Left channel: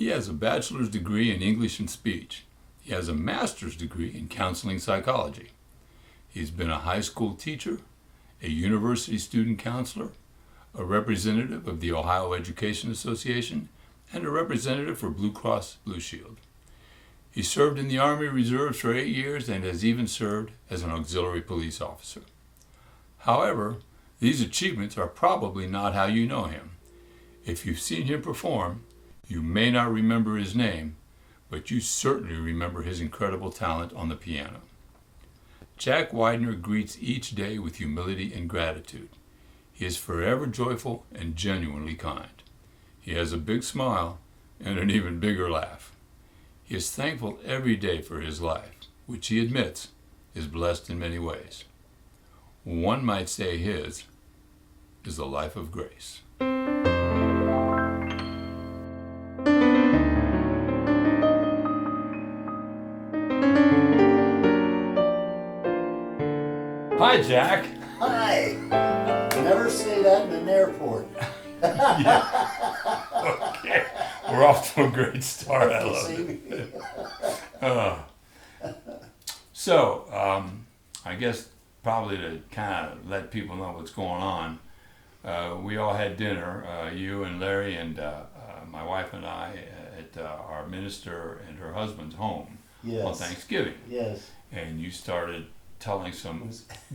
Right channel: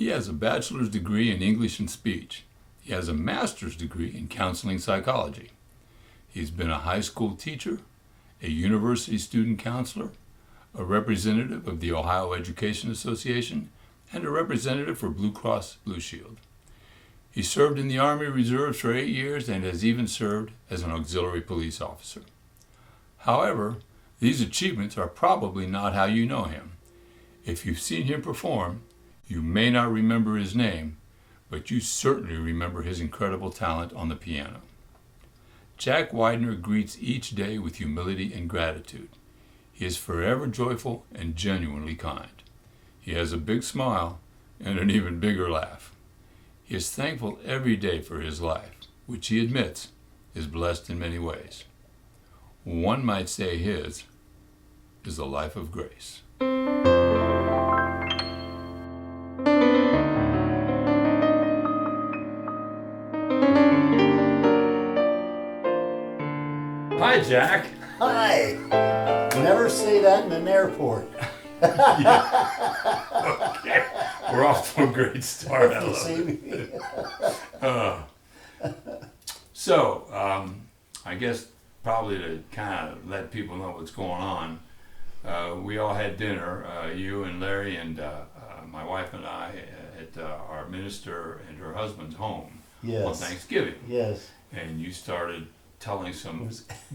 He has a bachelor's degree in English and speech. He has a master's degree in counseling psychology. He's been a high school teacher, a university student counselor, a representative of the Ohio Education Association, and a representative for Blue Cross Blue Shield. He served in the Army Reserves for 8 years and has even served as an auxiliary police officer. However, these achievements are probably not how you know him. If you've seen him perform, you may not remember his name, but you certainly remember his incredible talent on the piano. Jack Widner greets each day with humility and gratitude. He is forever joyful and genuinely kind. He has a big smile and an even bigger laugh. He is thankful every day for his life, which he admits is blessed in many ways. One might say his is a life of grace. Hi, Jack. Hi. Never say that in an airport. Yeah. Okay. We're off to a great start. I love it. I guess probably to kind of let people know what's going on, we all had dinner, you and Larry and my wife and I, at our minister and her husband's home on Thanksgiving. Yes. And you started telling some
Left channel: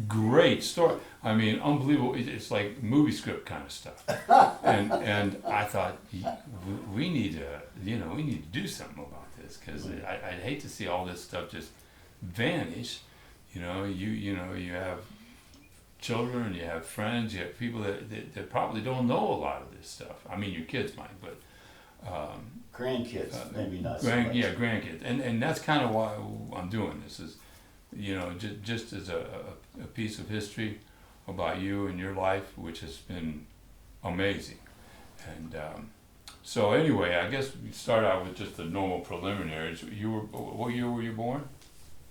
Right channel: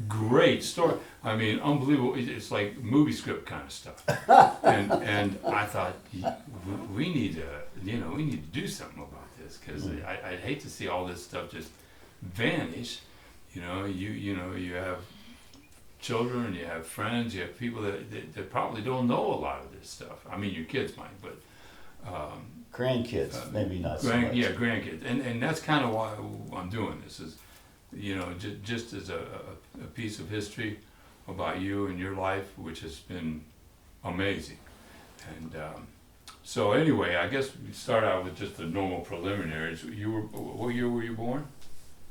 great story. I mean, unbelievable. It's like movie script kind of stuff. and I thought we need to do something about this, because I'd hate to see all this stuff just vanish. You have children, you have friends, you have people that probably don't know a lot of this stuff. I mean, your kids might, but grandkids, maybe not so much. Yeah, grandkids, and that's kind of why I'm doing this. Is just as a piece of history about you and your life, which has been amazing. And so anyway, I guess we start out with just the normal preliminaries. What year were you born?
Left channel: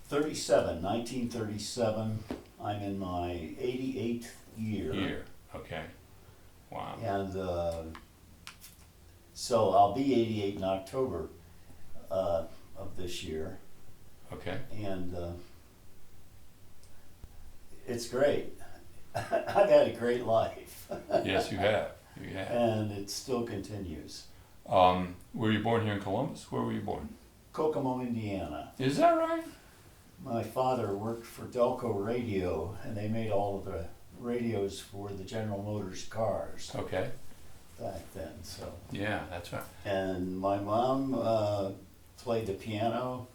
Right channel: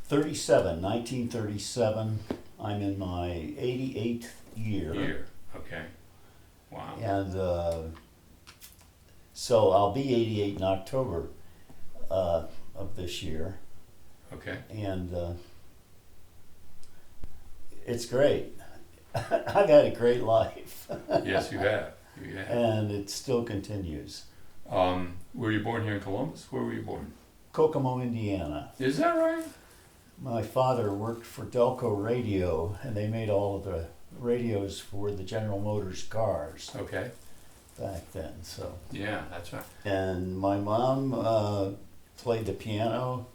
1937. I'm in my 88th year. Okay. Wow. And so I'll be 88 in October of this year. Okay. And it's great. I've had a great life. Yes, you have. And it still continues. Were you born here in Columbus? Where were you born? Kokomo, Indiana. Is that right? My father worked for Delco Radio, and they made all of the radios for the General Motors cars. Okay. Back then, so. Yeah, that's right. And my mom played the piano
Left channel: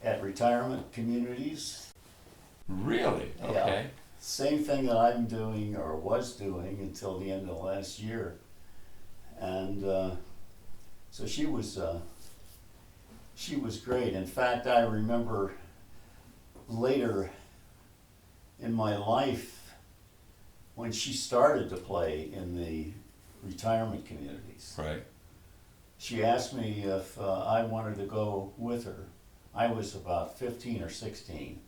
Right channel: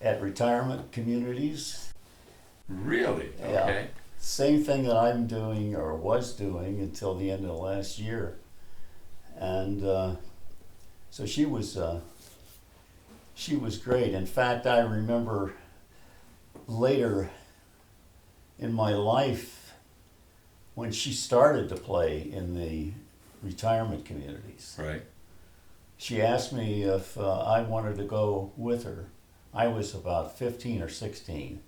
at retirement communities. Really? Okay. Yeah. Same thing that I'm doing, or was doing, until the end of the last year. And so she was great. In fact, I remember later in my life when she started to play in the retirement communities. Right. She asked me if I wanted to go with her. I was about 15 or 16.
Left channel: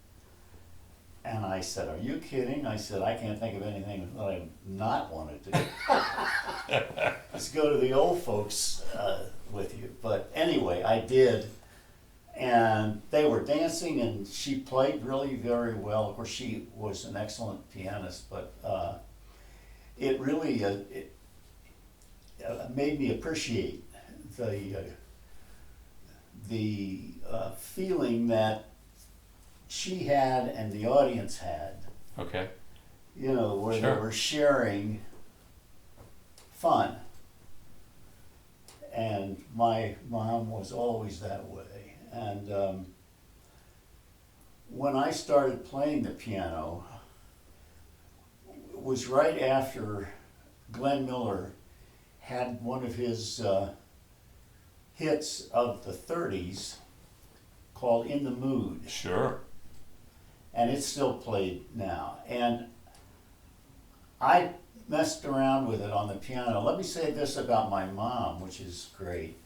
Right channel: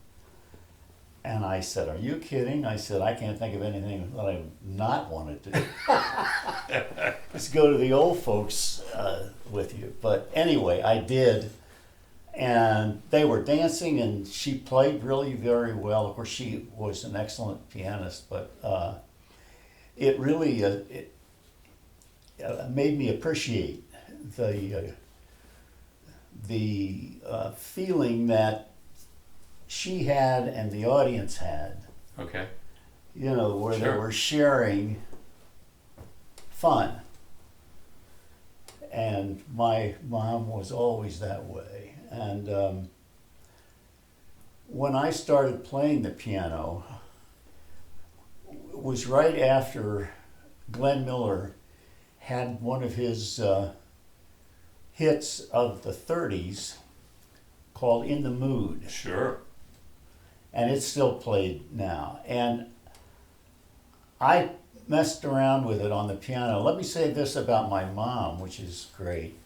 And I said, "Are you kidding?" I said, "I can't think of anything that I not wanted to do." Let's go to the old folks with you. But anyway, I did. And they were dancing, and she played really very well. Of course, she was an excellent pianist, but it really made me appreciate the feeling that she had and the audience had. Okay. Where Sure. they were sharing fun. And my mom was always that way. And when I started playing the piano, it was right after Glenn Miller had one of his hits of the 30s called "In the Mood." Sure. And it's still played now. And I messed around with it on the piano. Let me say this about my mom, which is great.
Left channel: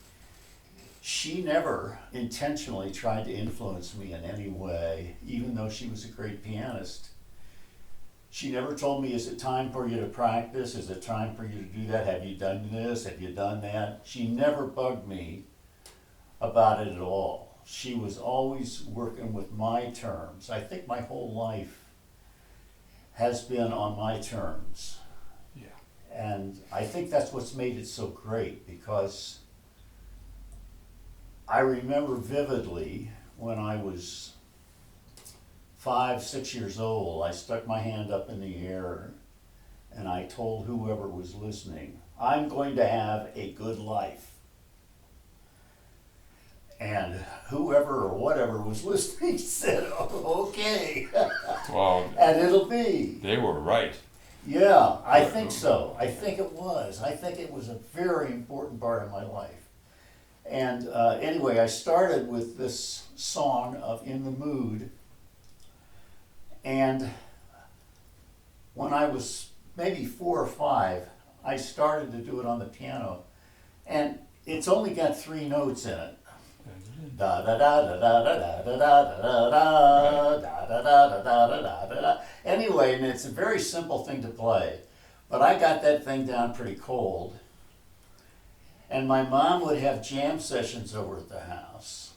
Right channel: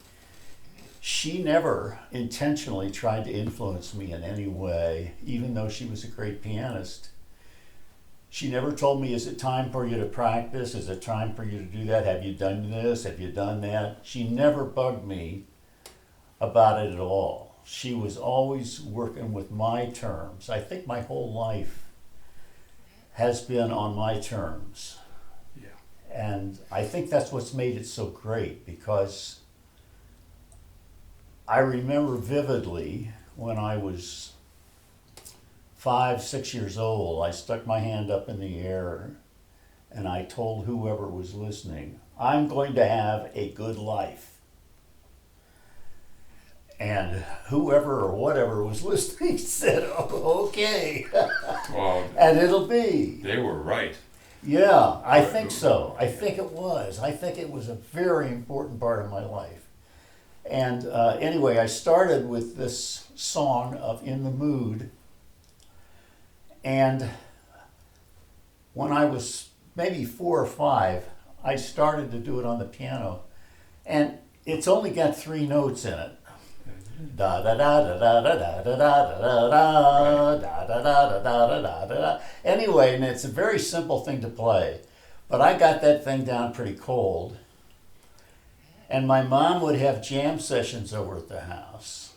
She never intentionally tried to influence me in any way, even though she was a great pianist. She never told me, "Is it time for you to practice? Is it time for you to do that? Have you done this? Have you done that?" She never bugged me about it at all. She was always working with my terms. I think my whole life has been on my terms. Yeah. And I think that's what's made it so great, because I remember vividly when I was 5, 6 years old, I stuck my hand up in the air and I told whoever was listening, I'm going to have a good life. And whoever or whatever was listening said, oh, okay. Well, And it'll be. they were right. Yeah, I think so. I think it was. I think it was a very important part of my life. And anyway, I started with this song of In the Mood. And when I was maybe 4 or 5, I started to do it on the piano. And it's only got 3 notes in it. Da da da da da da da da da da da da da da da da. Anyway, and it's a very simple thing to play, but I got that thing down pretty cold. And my mom would have jam sessions over at the house,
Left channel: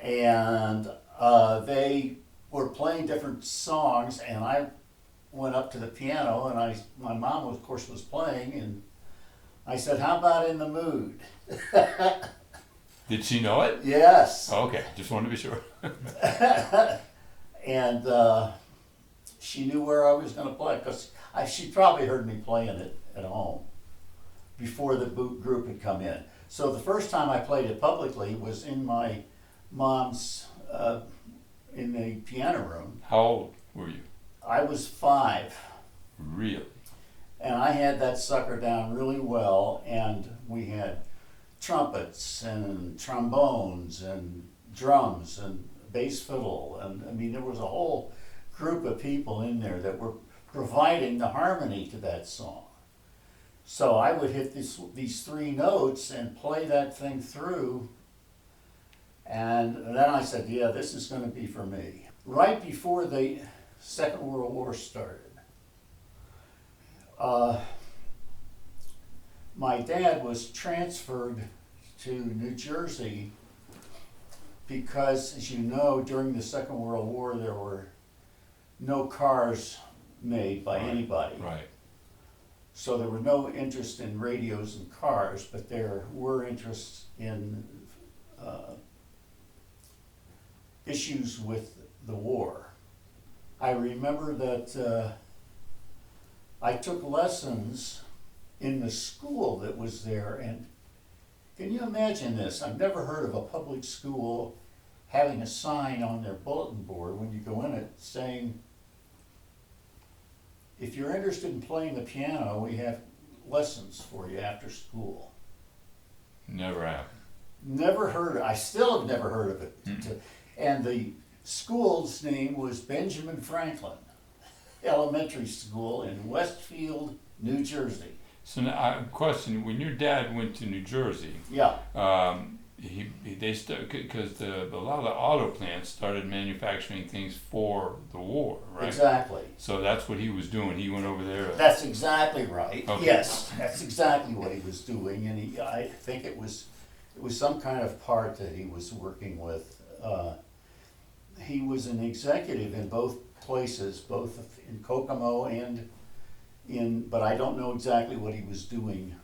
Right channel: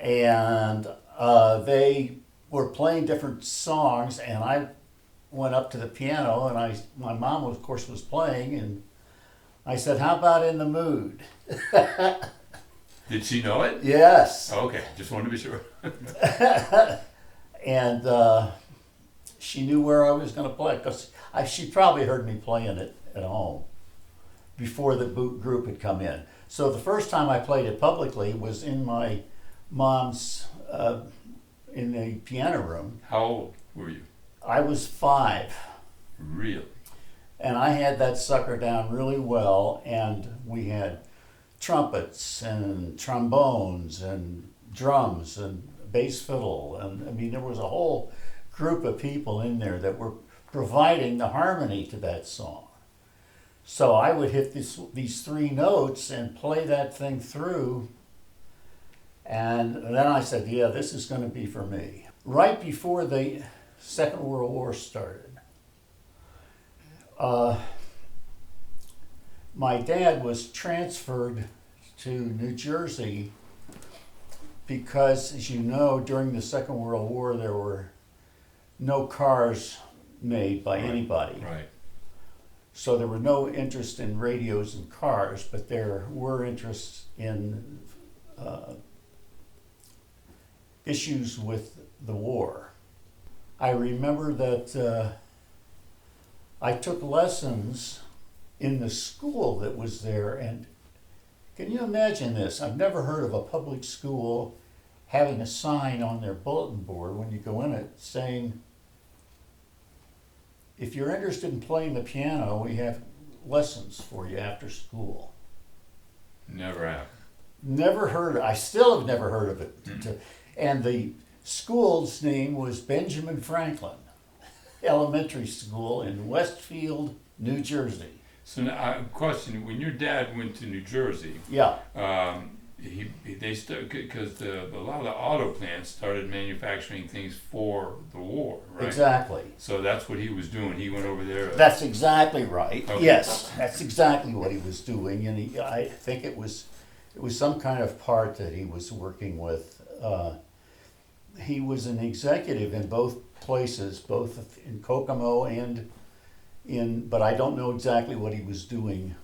and they were playing different songs, and I went up to the piano, and my mom of course was playing, and I said, "How about In the Mood?" Did she know it? Yes. Oh, okay, just wanted to be sure. And she knew where I was going to play, because she probably heard me playing it at home before the group had come in. So the first time I played it publicly was in my mom's, in the piano room. How old were you? I was 5. Really? And I had that sucker down really well, and we had trumpets and trombones and drums and bass fiddle, and I mean there was a whole group of people in there that were providing the harmony to that song. So I would hit these 3 notes and play that thing through, and then I said, yeah, this is going to be for me. Right before the Second World War started, my dad was transferred to New Jersey because, as you know, during the Second World War there were no cars made by anybody. Right. So there were no interest in radios and cars, but there were interests in issues with the war. I remember that I took lessons in the school that was there, and can you imagine this? I've never heard of a public school having a sign on their bulletin board when you go in it saying, if you're interested in playing the piano, we have lessons for you after school. Never happened. Never heard of it. I still have never heard of it. And the school's name was Benjamin Franklin Elementary School in Westfield, New Jersey. So now, question: when your dad went to New Jersey, Yeah. Because a lot of the auto plants started manufacturing things for the war, right? Exactly. So that's what he was doing. He went over there. That's exactly right. Okay. Yes, that's exactly what he was doing, and I think it was some kind of part that he was working with. He was an executive in both places, both in Kokomo and but I don't know exactly what he was doing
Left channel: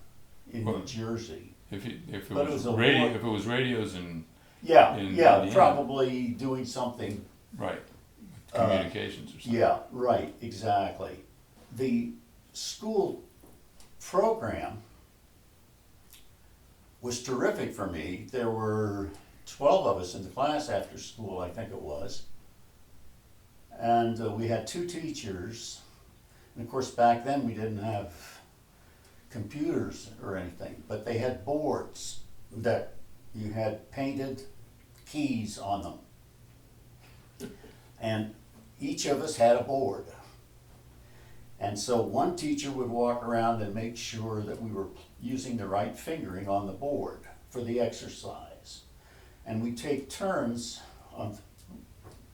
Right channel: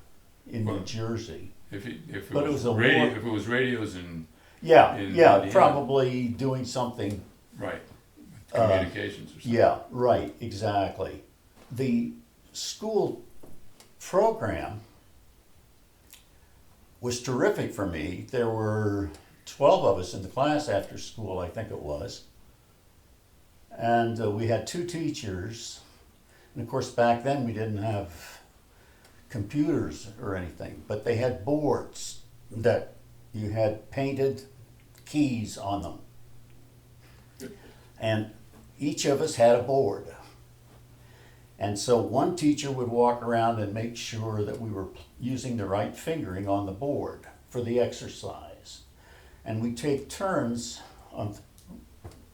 in New Jersey. If it But was it was a radio, war. if it was radios and Yeah, in yeah, Indiana. probably doing something. Right, communications or something. Yeah, right, exactly. The school program was terrific for me. There were 12 of us in the class after school, I think it was. And we had 2 teachers. And of course, back then we didn't have computers or anything, but they had boards that you had painted keys on them. And each of us had a board. And so one teacher would walk around and make sure that we were using the right fingering on the board for the exercise. And we'd take turns on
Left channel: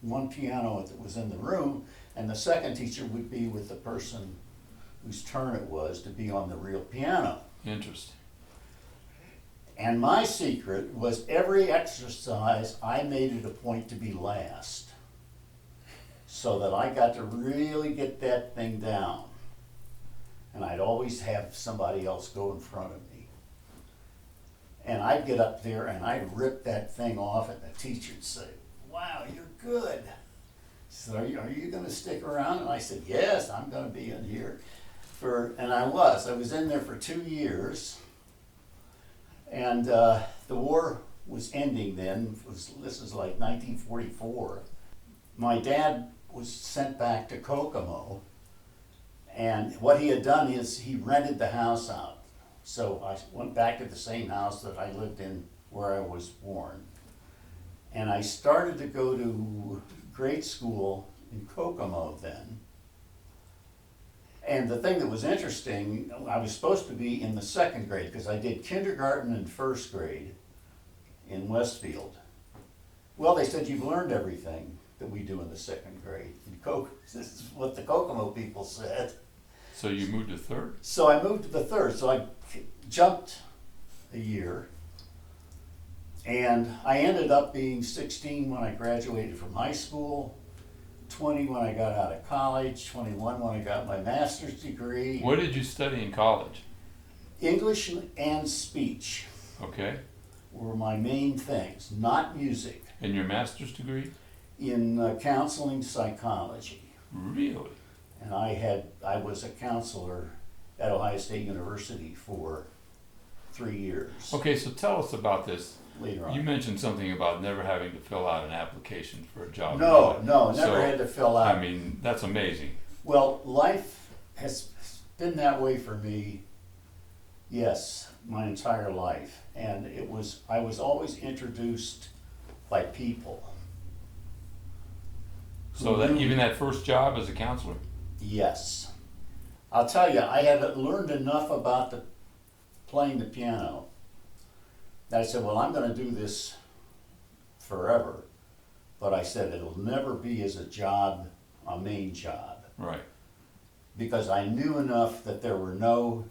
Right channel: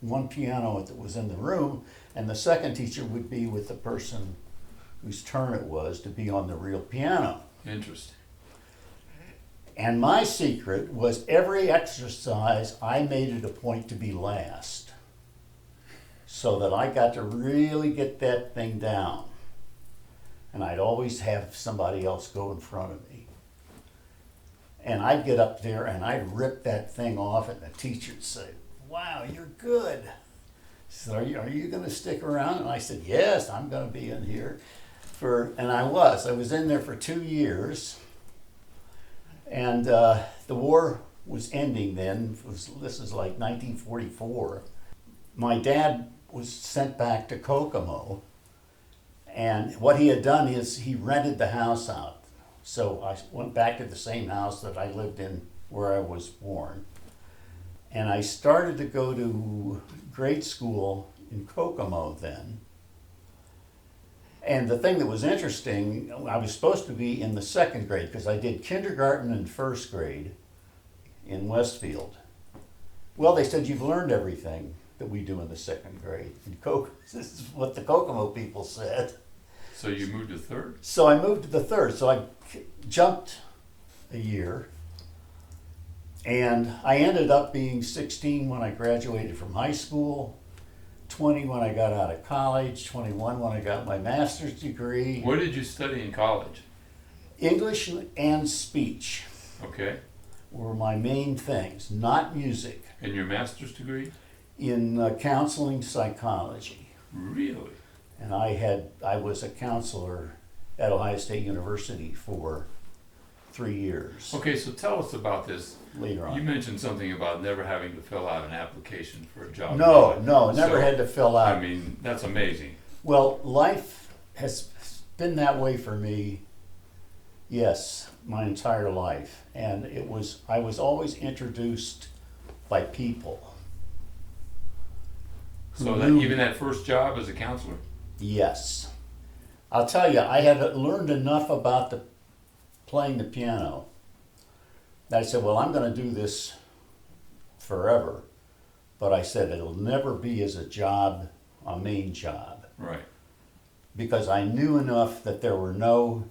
one piano that was in the room, and the second teacher would be with the person whose turn it was to be on the real piano. Interesting. And my secret was every exercise I made it a point to be last, so that I got to really get that thing down. And I'd always have somebody else go in front of me. And I'd get up there and I'd rip that thing off, and the teacher would say, "Wow, you're good." So are you going to stick around? And I said, "Yes, I'm going to be in here." And I was in there for 2 years. And the war was ending then. This is like 1944. My dad was sent back to Kokomo. And what he had done is he rented the house out. So I went back to the same house that I lived in where I was born. And I started to go to grade school in Kokomo then. And the thing that was interesting, I was supposed to be in the second grade because I did kindergarten and first grade in Westfield. Well, they said, "You've learned everything that we do in the second grade." This is what the Kokomo people said. So you moved to third? So I moved to the third. So I jumped a year. And I ended up being 16 when I graduated from high school, 20 when I got out of college, 21 when I got my master's degree. What did you study in college? English and speech Okay. were my main things, not music. And your master's degree? In counseling psychology. Really? And I was a counselor at Ohio State University for 3 years. Okay, so tell us about this. Later on. You mentioned something about never having to fill out an application for a job. No, never So, had to fill out. I mean, that's amazing. Well, life has been that way for me, yes, my entire life. And I was always introduced by people. So that even that first job as a counselor? Yes. I'll tell you, I had learned enough about playing the piano that I said, well, I'm going to do this forever. But I said, it'll never be as a job, a main job. Right. Because I knew enough that there were no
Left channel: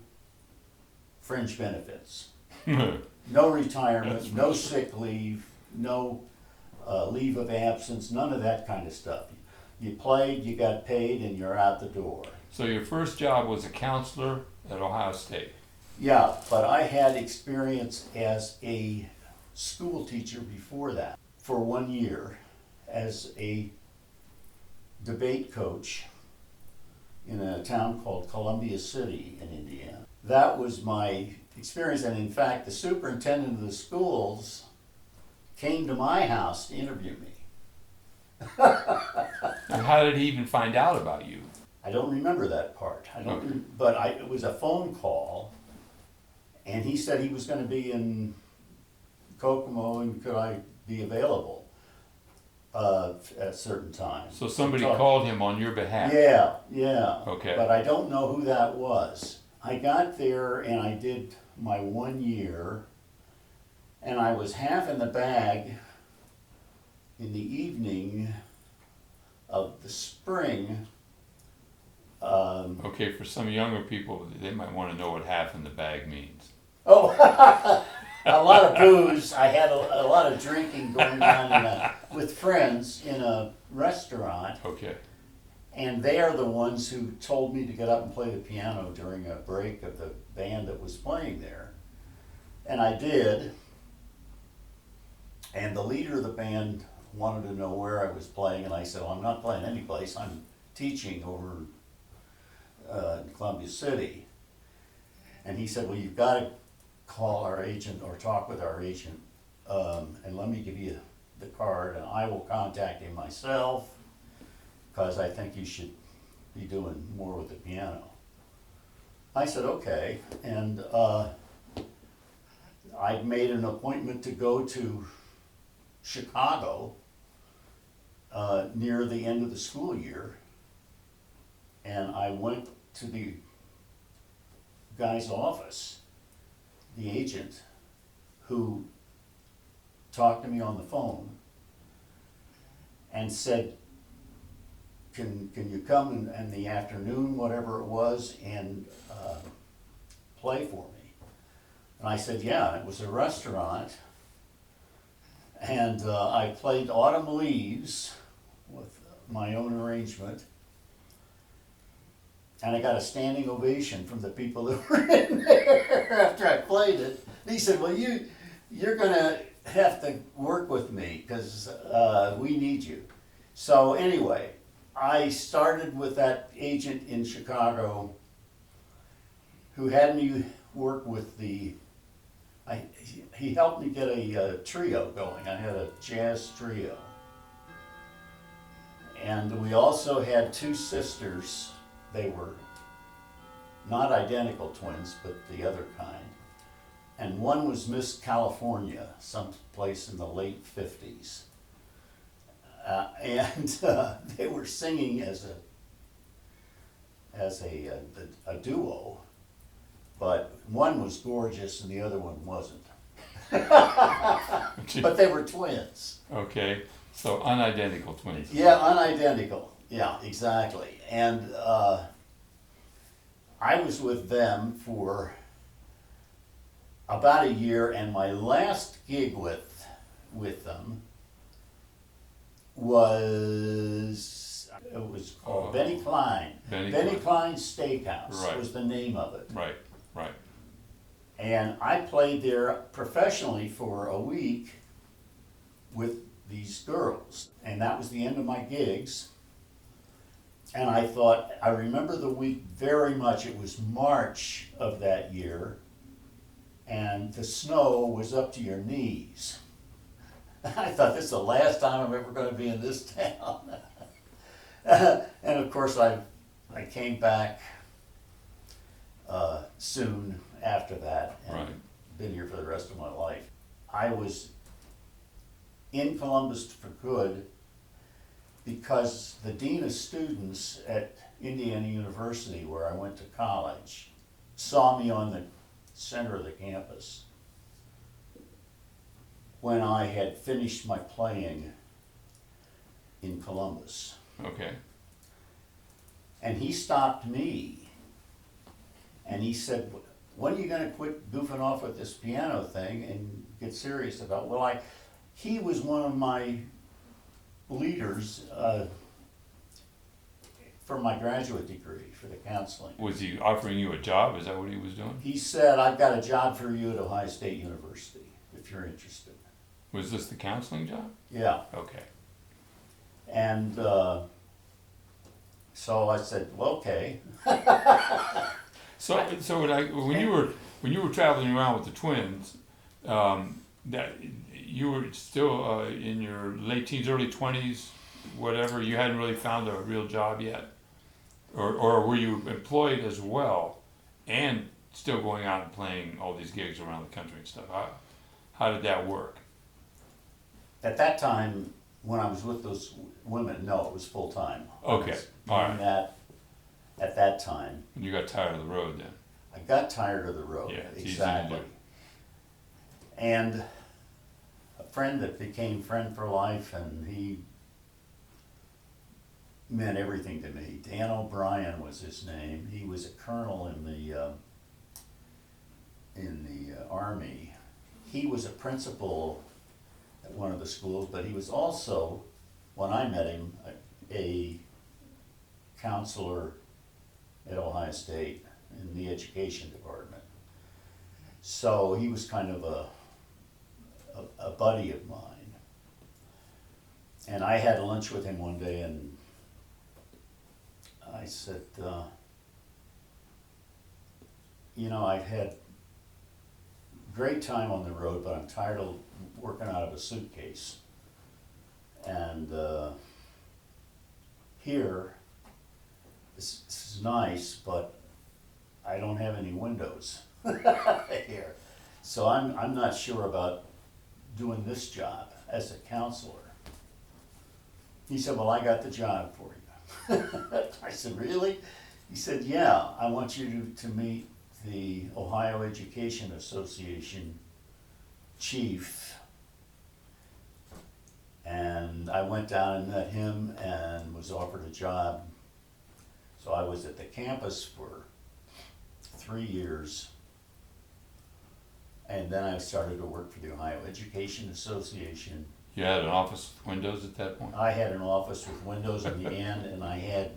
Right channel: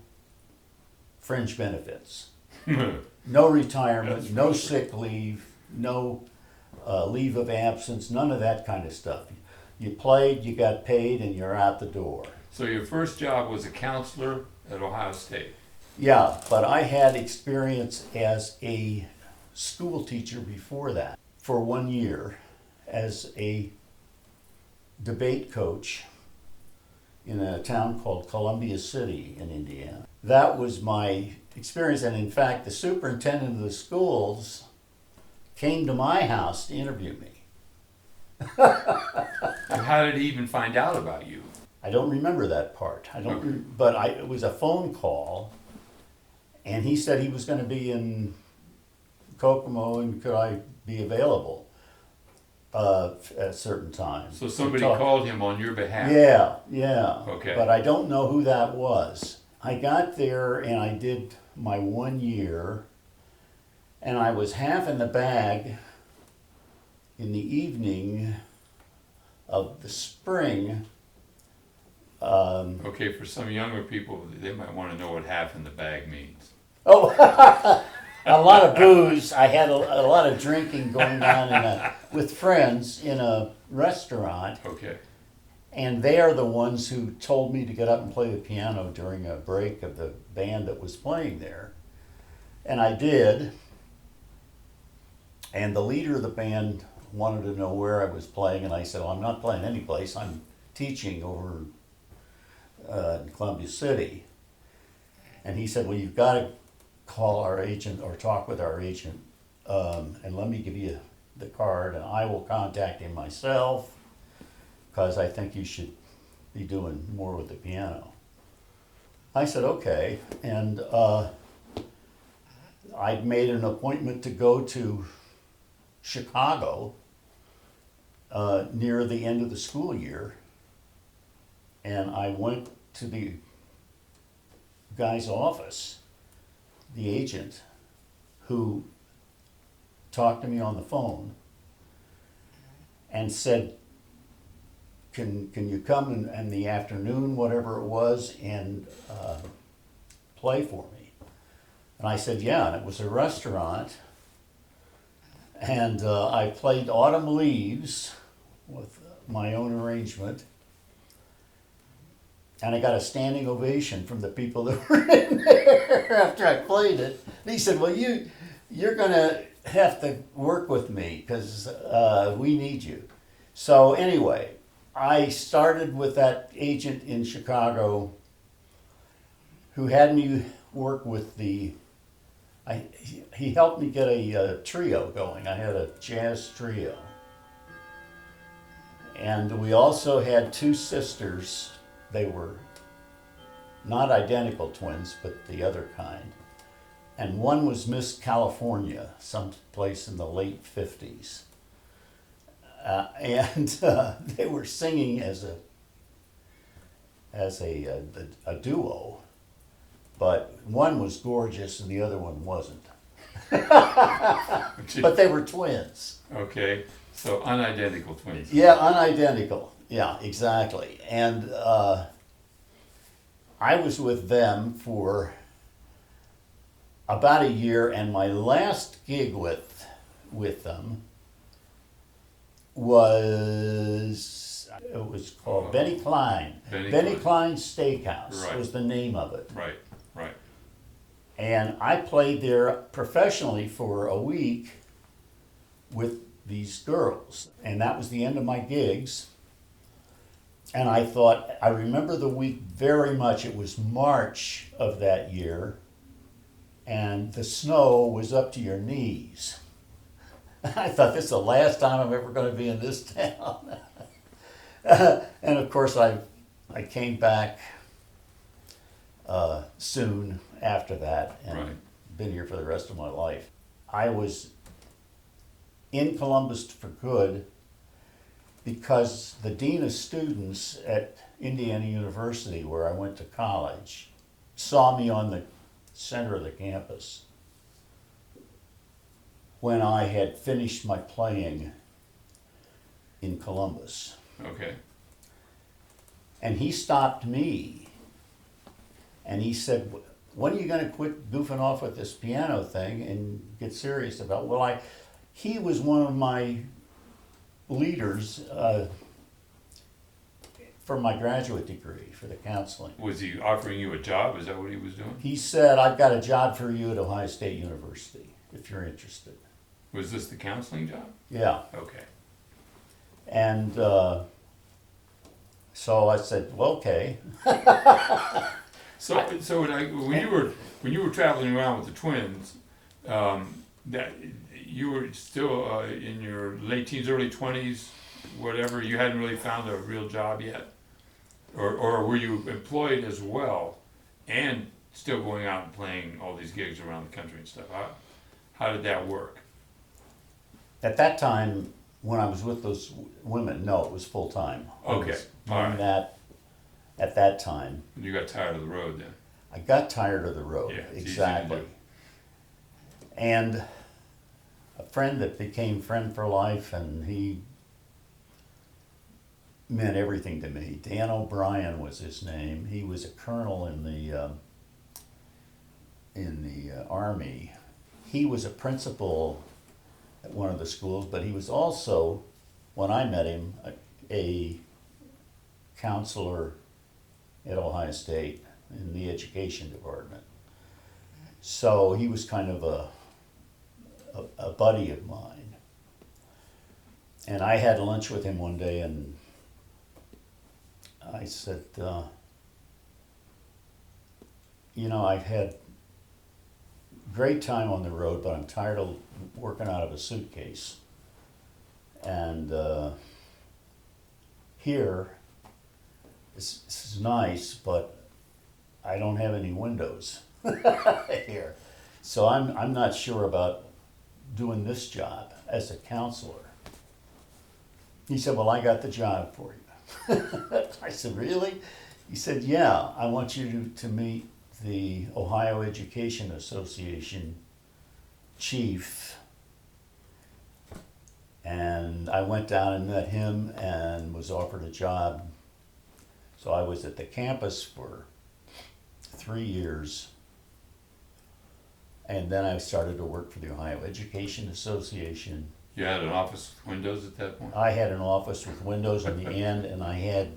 fringe benefits. No retirement, no sick leave, no leave of absence, none of that kind of stuff. You played, you got paid, and you're out the door. So your first job was a counselor at Ohio State? Yeah, but I had experience as a school teacher before that for 1 year as a debate coach in a town called Columbia City in Indiana. That was my experience, and in fact, the superintendent of the schools came to my house to interview me. And how did he even find out about you? I don't remember that part. But it was a phone call, and he said he was going to be in Kokomo and could I be available at certain times. So somebody called him on your behalf? Yeah. Okay. But I don't know who that was. I got there and I did my 1 year, and I was half in the bag in the evening of the spring. Okay, for some younger people, they might want to know what half in the bag means. Oh, a lot of booze. I had a lot of drinking going on with friends in a restaurant. Okay. And they are the ones who told me to get up and play the piano during a break of the band that was playing there. And I did. And the leader of the band wanted to know where I was playing, and I said, well, I'm not playing any place. I'm teaching over in Columbia City. And he said, well, you've got to call our agent or talk with our agent, and let me give you the card, and I will contact him myself, because I think you should be doing more with the piano. I said, okay, and I made an appointment to go to Chicago near the end of the school year, and I went to the guy's office, the agent, who talked to me on the phone and said, can you come in the afternoon, whatever it was, and play for me? And I said, yeah, and it was a restaurant. And I played Autumn Leaves with my own arrangement. And I got a standing ovation from the people that were in there after I played it. And he said, well, you're going to have to work with me because we need you. So anyway, I started with that agent in Chicago who had me work with he helped me get a trio going. I had a jazz trio. And we also had two sisters. They were not identical twins, but the other kind. And one was Miss California, someplace in the late 50s. And they were singing as a duo, but one was gorgeous and the other one wasn't. But they were twins. Okay, so unidentical twins. Yeah, unidentical. Yeah, exactly. And I was with them for about a year, and my last gig with them was called Benny Klein. Benny Klein's Steakhouse Right. was the name of it. Right. And I played there professionally for a week with these girls. And that was the end of my gigs. And I thought, I remember the week very much. It was March of that year. And the snow was up to your knees. I thought, this is the last time I'm ever going to be in this town. And of course, I came back soon after that and Right. been here for the rest of my life. I was in Columbus for good because the dean of students at Indiana University, where I went to college, saw me on the center of the campus when I had finished my playing in Columbus. Okay. And he stopped me and he said, when are you going to quit goofing off with this piano thing and get serious about it? Well, he was one of my leaders for my graduate degree for the counseling. Was he offering you a job? Is that what he was doing? He said, I've got a job for you at Ohio State University if you're interested. Was this the counseling job? Yeah. Okay. And so I said, well, okay. So when you were traveling around with the twins, that you were still in your late teens, early 20s, whatever. You hadn't really found a real job yet, or were you employed as well, and still going out and playing all these gigs around the country and stuff? How did that work? At that time, when I was with those women, no, it was full time. Okay, all right. That at that time. You got tired of the road then. I got tired of the road. Yeah, it's exactly. easy to do. And a friend that became friend for life, and he meant everything to me. Dan O'Brien was his name. He was a colonel in the Army. He was a principal at one of the schools, but he was also, when I met him, a counselor at Ohio State in the education department. So he was kind of a buddy of mine. And I had lunch with him one day and I said, I've had great time on the road, but I'm tired of working out of a suitcase. And here, this is nice, but I don't have any windows here. So I'm not sure about doing this job as a counselor. He said, well, I got the job for you. I said, really? He said, yeah, I want you to meet the Ohio Education Association chief. And I went down and met him and was offered a job. So I was at the campus for 3 years. And then I started to work for the Ohio Education Association. You had an office with windows at that point? I had an office with windows in the end, and I had,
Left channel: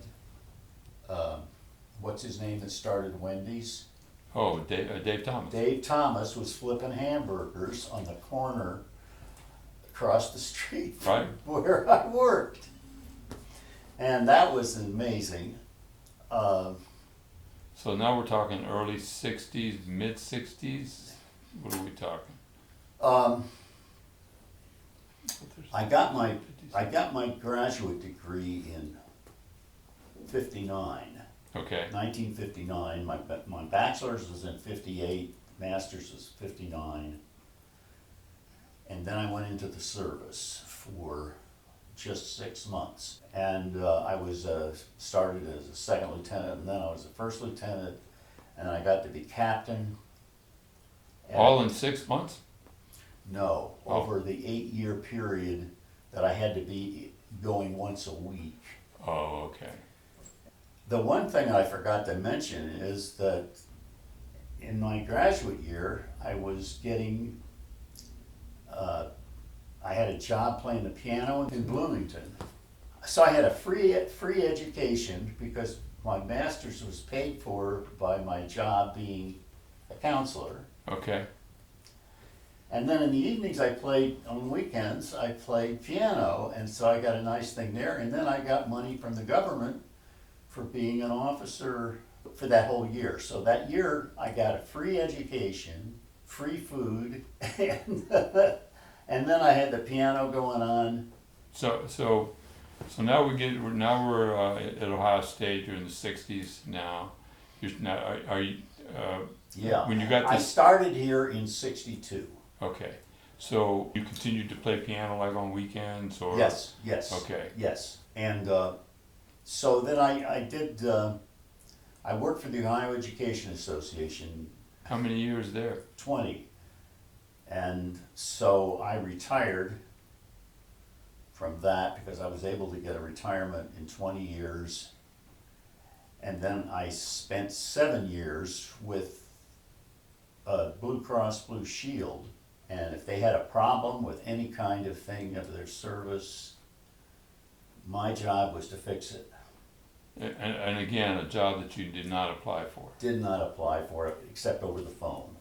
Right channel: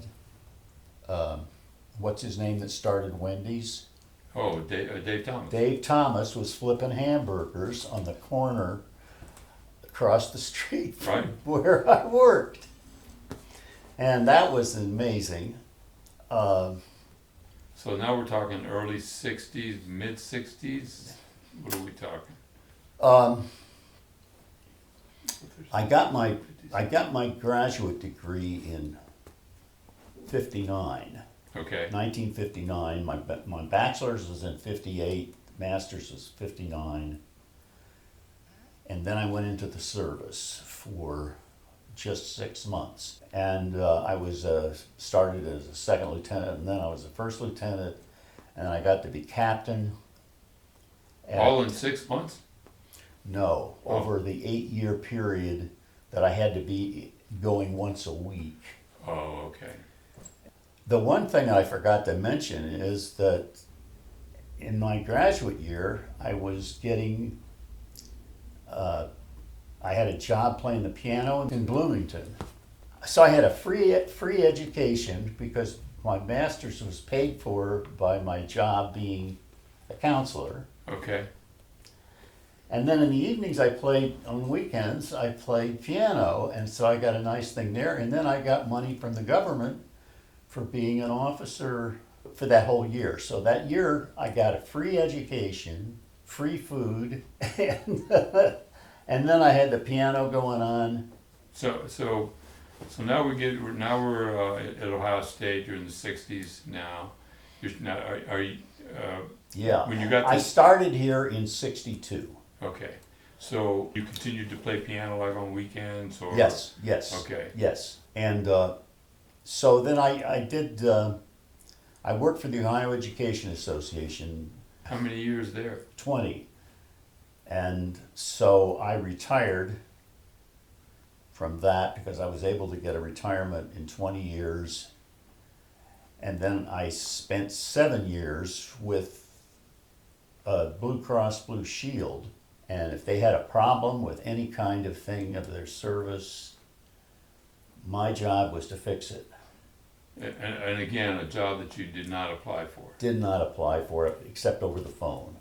what's his name that started Wendy's? Oh, Dave Thomas. Dave Thomas was flipping hamburgers on the corner across the street from Right. where I worked. And that was amazing. So now we're talking early 60s, mid 60s? What are we talking? I got my graduate degree in 59, Okay, 1959. My bachelor's was in 58, master's was 59. And then I went into the service for just 6 months. And I was started as a second lieutenant, and then I was a first lieutenant, and I got to be captain. all in 6 months? No, Oh. over the 8-year period that I had to be going once a week. Oh, okay. The one thing I forgot to mention is that in my graduate year, I was getting, I had a job playing the piano in Bloomington. So I had a free education because my master's was paid for by my job being a counselor. Okay. And then in the evenings on weekends, I played piano, and so I got a nice thing there. And then I got money from the government for being an officer for that whole year. So that year, I got a free education, free food, and then I had the piano going on. So now we're at Ohio State. You're in the 60s now. Are you? Yeah. When you got I this. started here in 62. Okay. So you continued to play piano like on weekends or? Yes. Okay. Yes. And so then I did, I worked for the Ohio Education Association. How many years there? 20. And so I retired from that because I was able to get a retirement in 20 years. And then I spent 7 years with Blue Cross Blue Shield. And if they had a problem with any kind of thing of their service, my job was to fix it. And again, a job that you did not apply for. Did not apply for it except over the phone.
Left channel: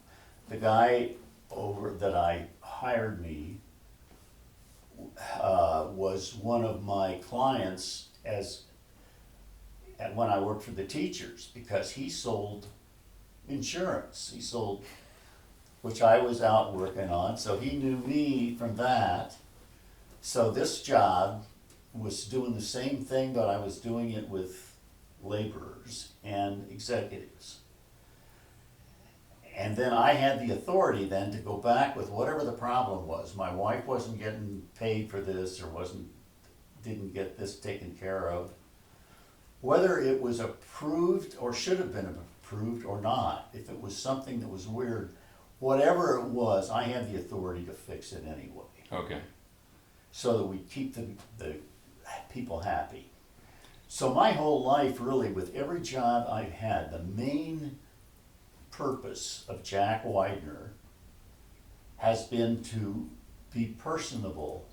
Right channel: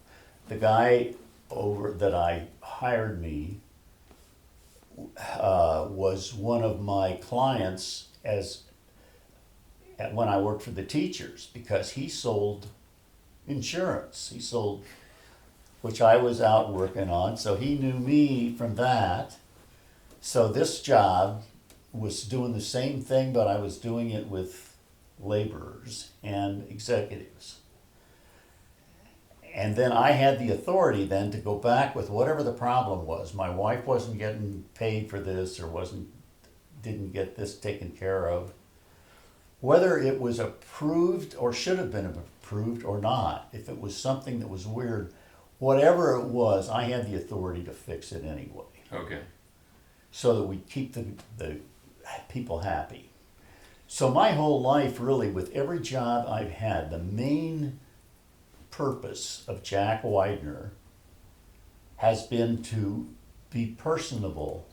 The guy that I hired me was one of my clients when I worked for the teachers because he sold insurance. He sold, which I was out working on, so he knew me from that. So this job was doing the same thing, but I was doing it with laborers and executives. And then I had the authority then to go back with whatever the problem was. My wife wasn't getting paid for this or didn't get this taken care of. Whether it was approved or should have been approved or not, if it was something that was weird, whatever it was, I had the authority to fix it anyway. Okay. So that we keep the people happy. So my whole life, really, with every job I've had, the main purpose of Jack Widner has been to be personable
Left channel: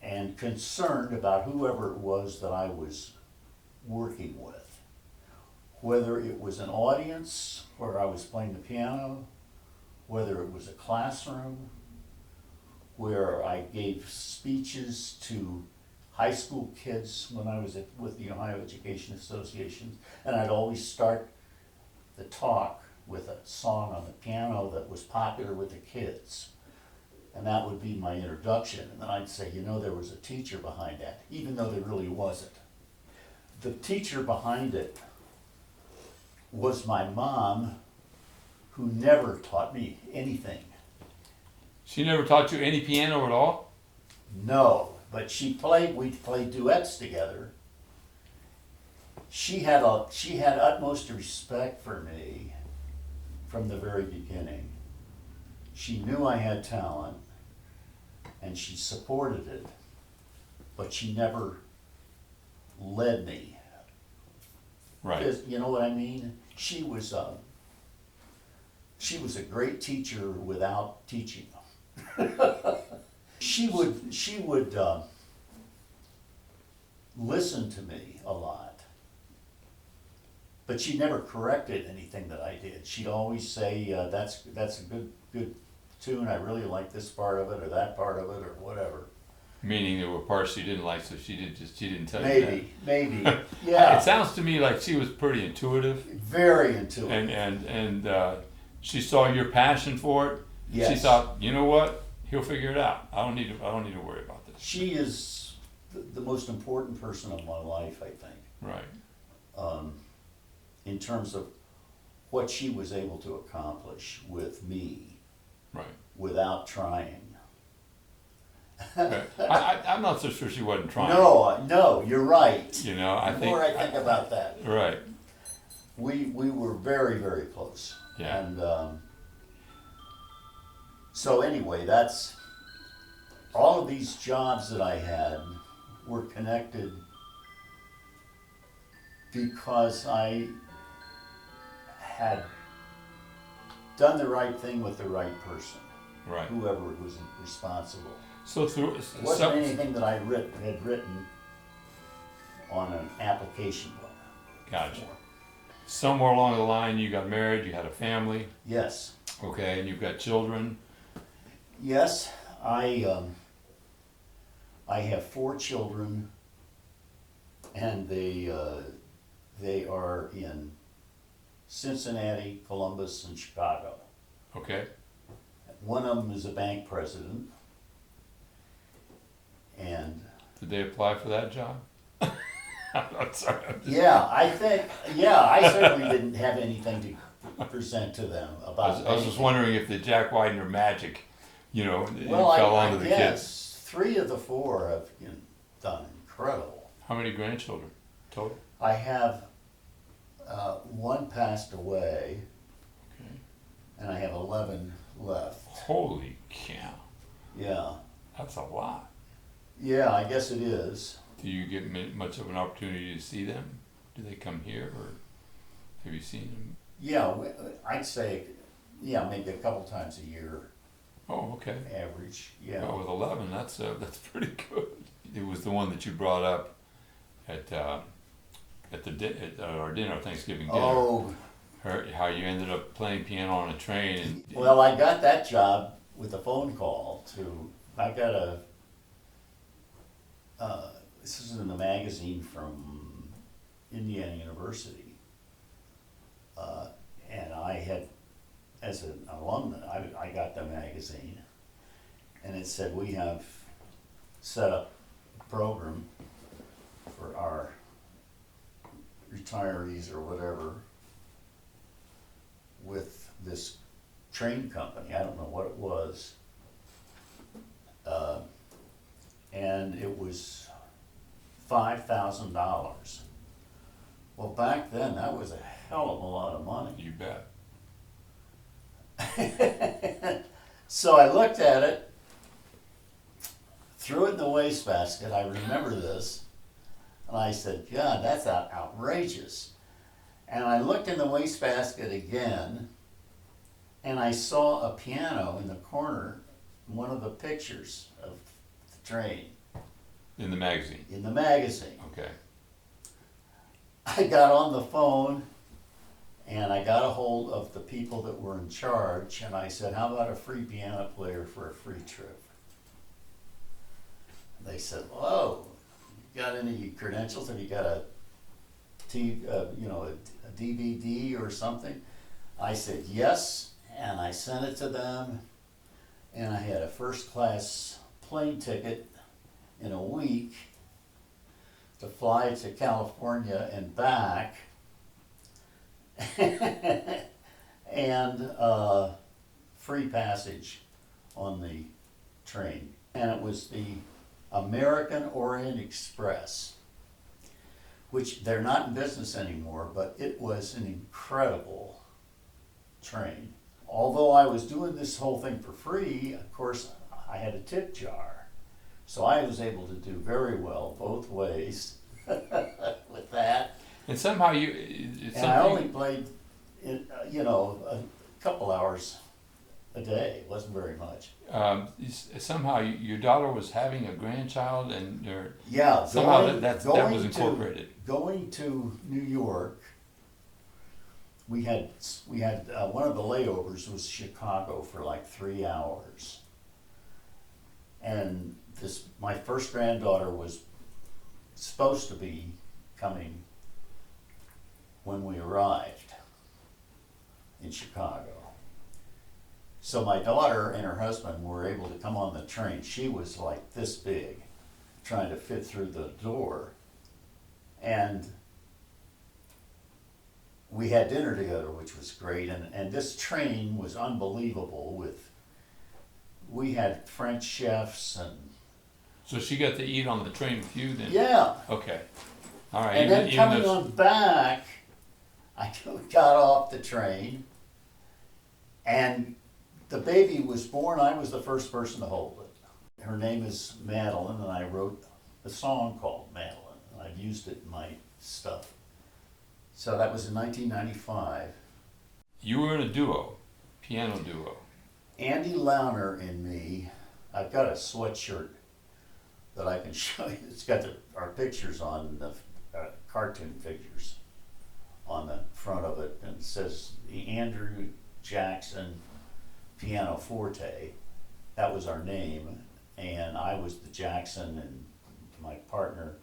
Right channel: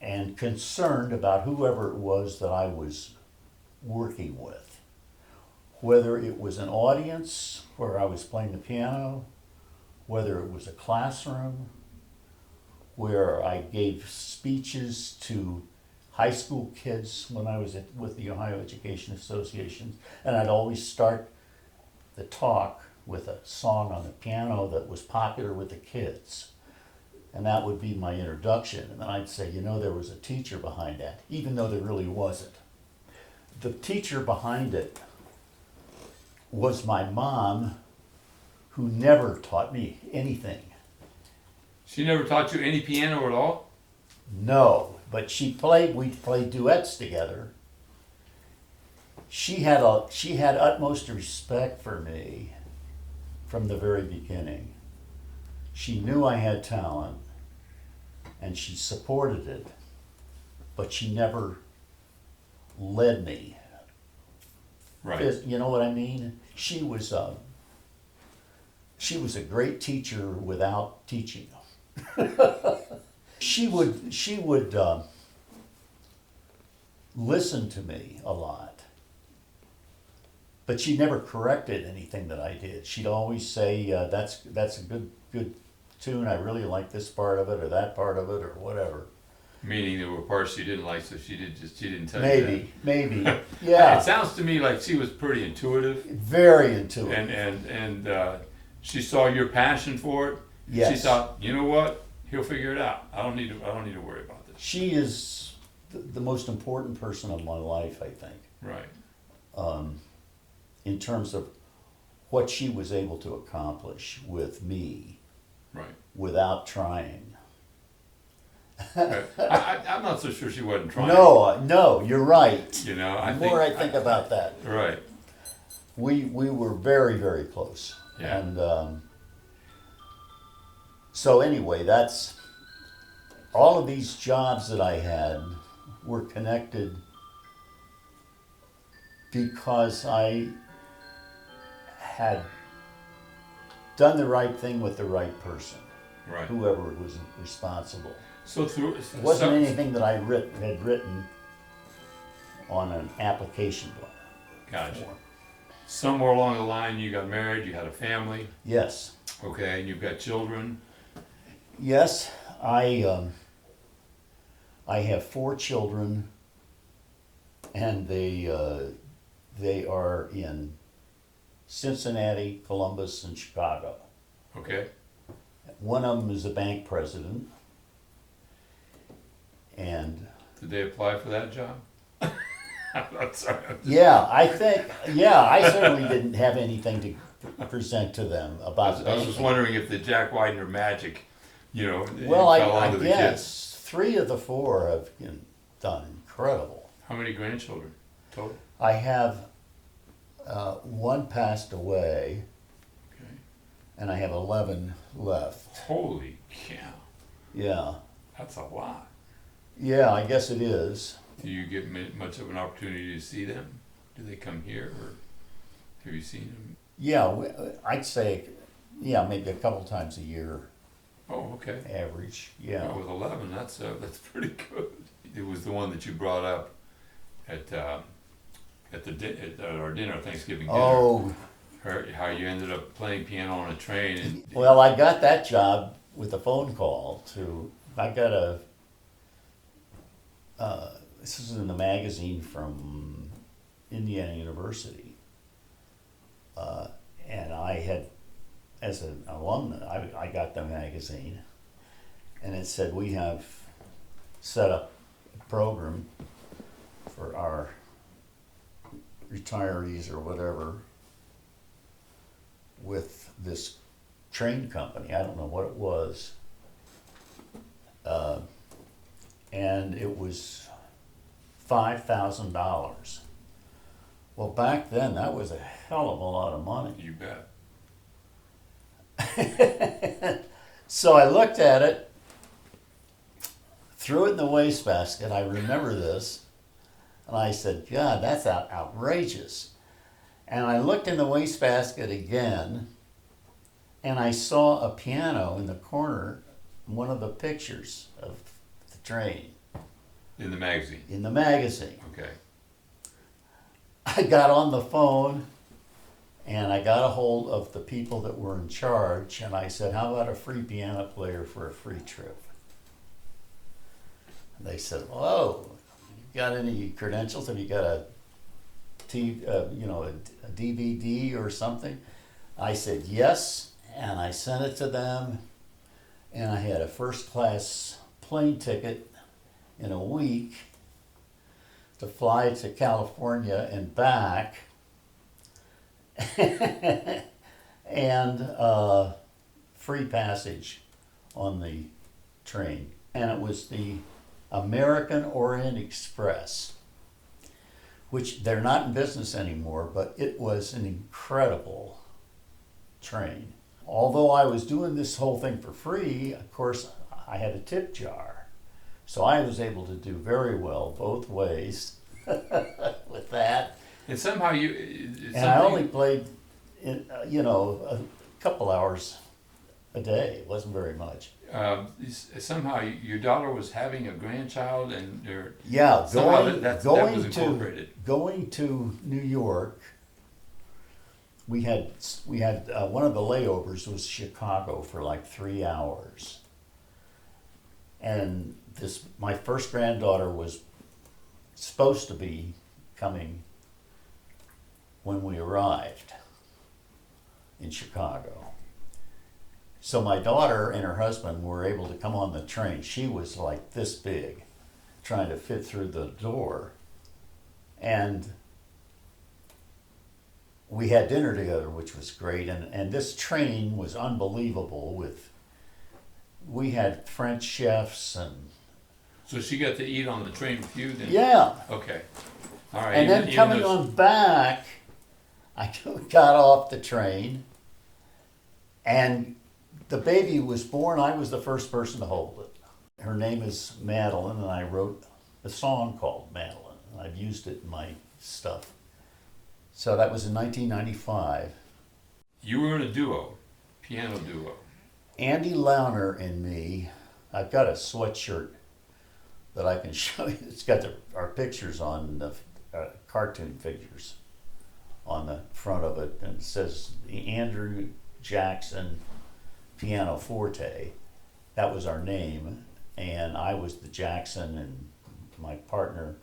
and concerned about whoever it was that I was working with. Whether it was an audience where I was playing the piano, whether it was a classroom, where I gave speeches to high school kids when I was with the Ohio Education Association, and I'd always start the talk with a song on the piano that was popular with the kids. And that would be my introduction. And then I'd say, there was a teacher behind that, even though there really wasn't. The teacher behind it was my mom, who never taught me anything. She never taught you any piano at all? No, but we played duets together. She had utmost respect for me from the very beginning. She knew I had talent and she supported it, but she never led me. Right. You know what I mean? She was She was a great teacher without teaching. She would listen to me a lot, but she never corrected anything that I did. She'd always say, "That's a good tune. I really like this part of it or that part of it or whatever." Meaning there were parts she didn't like, so she didn't tell you that. Maybe, yeah. It sounds to me like she was pretty intuitive, Very intuitive. and she saw your passion for it. Yes. She thought, you know what, he'll figure it out. I don't need to worry about this. She is the most important person of my life, I think, Right. in terms of what she was able to accomplish with me Right. without trying. I'm not so sure she wasn't trying. No, you're right. You know, The more I think about that, Right. we were very, very close. Yeah. And so anyway, that's all of these jobs that I had were connected because I had done the right thing with the right person, Right. whoever was responsible. So through It wasn't anything that I had written on an application plan. Gotcha. Somewhere along the line, you got married. You had a family. Yes. Okay, and you've got children. Yes, I have 4 children, and they are in Cincinnati, Columbus, and Chicago. Okay. One of them is a bank president, and Did they apply for that job? I'm sorry. I certainly didn't have anything to present to them about. I was just wondering if the Jack Widner magic, Well, fell I onto the kids. guess 3 of the 4 have done incredible. How many grandchildren total? I have one passed away, Okay. and I have 11 left. Holy cow. Yeah, That's a lot. yeah, I guess it is. Do you get much of an opportunity to see them? Do they come here, or have you seen them? Yeah, I'd say, maybe a couple times a year, Oh, okay. average. Yeah. Well, with 11, that's pretty good. It was the one that you brought up at our dinner, Thanksgiving dinner. Oh, How you ended up playing piano on a train. And, well, I got that job with a phone call to. I got a. This is in the magazine from Indiana University, and I had, as an alumna, I got the magazine, and it said we have set up a program for our retirees or whatever with this train company. I don't know what it was, and it was $5,000. Well, back then that was a hell of a lot of money. You bet. So I looked at it, threw it in the wastebasket. I remember this, and I said, "God, that's outrageous." And I looked in the wastebasket again, and I saw a piano in the corner, one of the pictures of the train. In the magazine. In the magazine. Okay. I got on the phone and I got a hold of the people that were in charge, and I said, "How about a free piano player for a free trip?" And they said, "Whoa, you got any credentials? Have you got a DVD or something?" I said, "Yes," and I sent it to them, and I had a first class plane ticket in a week to fly to California and back, and free passage on the train. And it was the American Orient Express, which they're not in business anymore, but it was an incredible train. Although I was doing this whole thing for free, of course, I had a tip jar. So I was able to do very well both ways with that. And somehow And I only played, couple hours a day. It wasn't very much. Somehow your daughter was having a grandchild, and Yeah, that was incorporated. Going to New York, we had one of the layovers was Chicago for like 3 hours, and my first granddaughter was supposed to be coming when we arrived in Chicago. So my daughter and her husband were able to come on the train. She was like this big, trying to fit through the door. And we had dinner together, which was great. And this train was unbelievable. We had French chefs and... So she got to eat on the train with you then? Yeah. Okay. All right. And then coming on back, I got off the train, and the baby was born. I was the first person to hold it. Her name is Madeline, and I wrote a song called Madeline. I've used it in my stuff. So that was in 1995. You were in a duo, piano duo. Andy Launer and me. I've got a sweatshirt that I can show you. It's got our pictures on the cartoon figures on the front of it, and it says Andrew Jackson Pianoforte. That was our name, and I was the Jackson, and my partner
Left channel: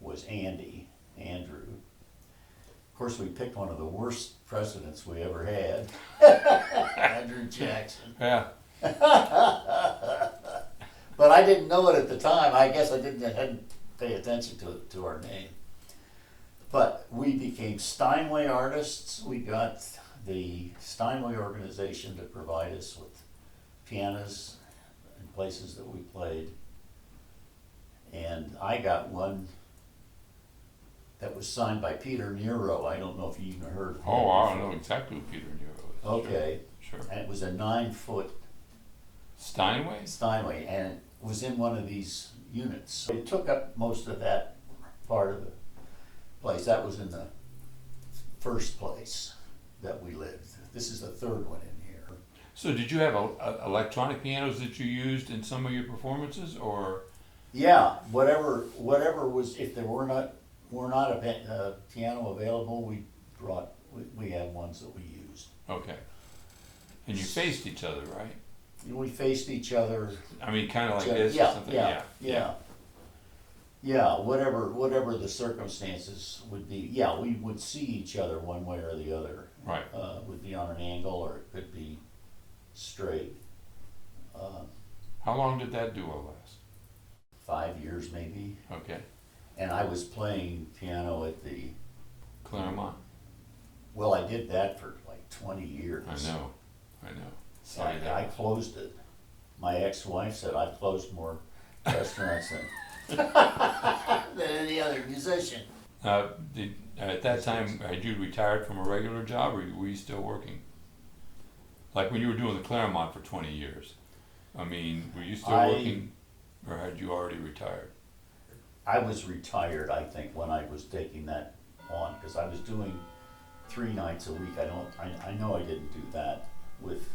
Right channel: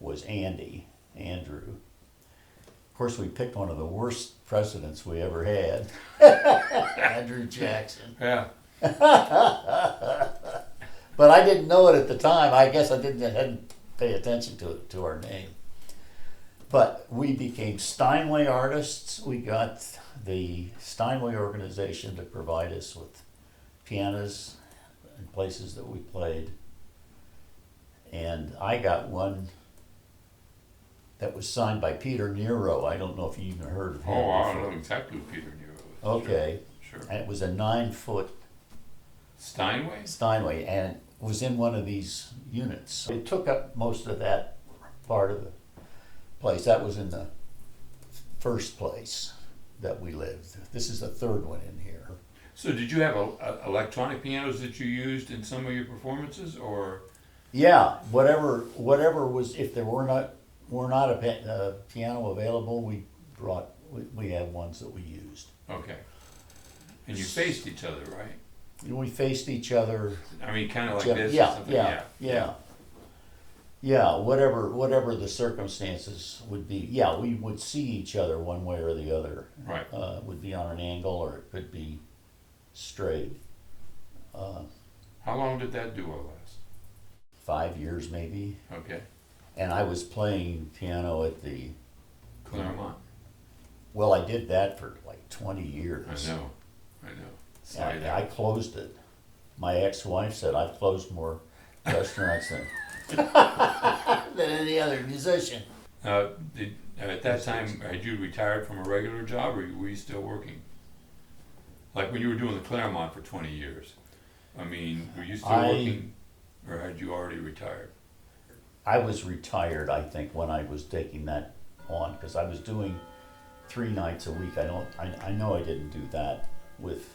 was Andrew. Of course, we picked one of the worst presidents we ever had, Andrew Jackson. Yeah. But I didn't know it at the time. I guess I hadn't paid attention to our name. But we became Steinway artists. We got the Steinway organization to provide us with pianos in places that we played. And I got one that was signed by Peter Nero. I don't know if you even heard of him. Oh, I don't know exactly who Peter Nero is. Okay. Sure. And it was a 9-foot Steinway, and it was in one of these units. It took up most of that part of the place. That was in the first place that we lived. This is the third one in here. So did you have electronic pianos that you used in some of your performances, or? Yeah, whatever was, if there were not a piano available, we had ones that we used. Okay. And you faced each other, right? We faced each other. I mean, kind of like this Yeah, or something? Yeah, whatever the circumstances would be. Yeah, we would see each other one way or the other. Right. Would be on an angle, or it could be straight. How long did that duo last? 5 years maybe. Okay. And I was playing piano at the... Claremont. Well, I did that for like 20 years. I know. Sorry, I closed it. My ex-wife said I've closed more restaurants than any other musician. At that time, had you retired from a regular job, or were you still working? Like when you were doing the Claremont for 20 years. I mean, were you still working, or had you already retired? I was retired, I think, when I was taking that on, because I was doing 3 nights a week. I know I didn't do that with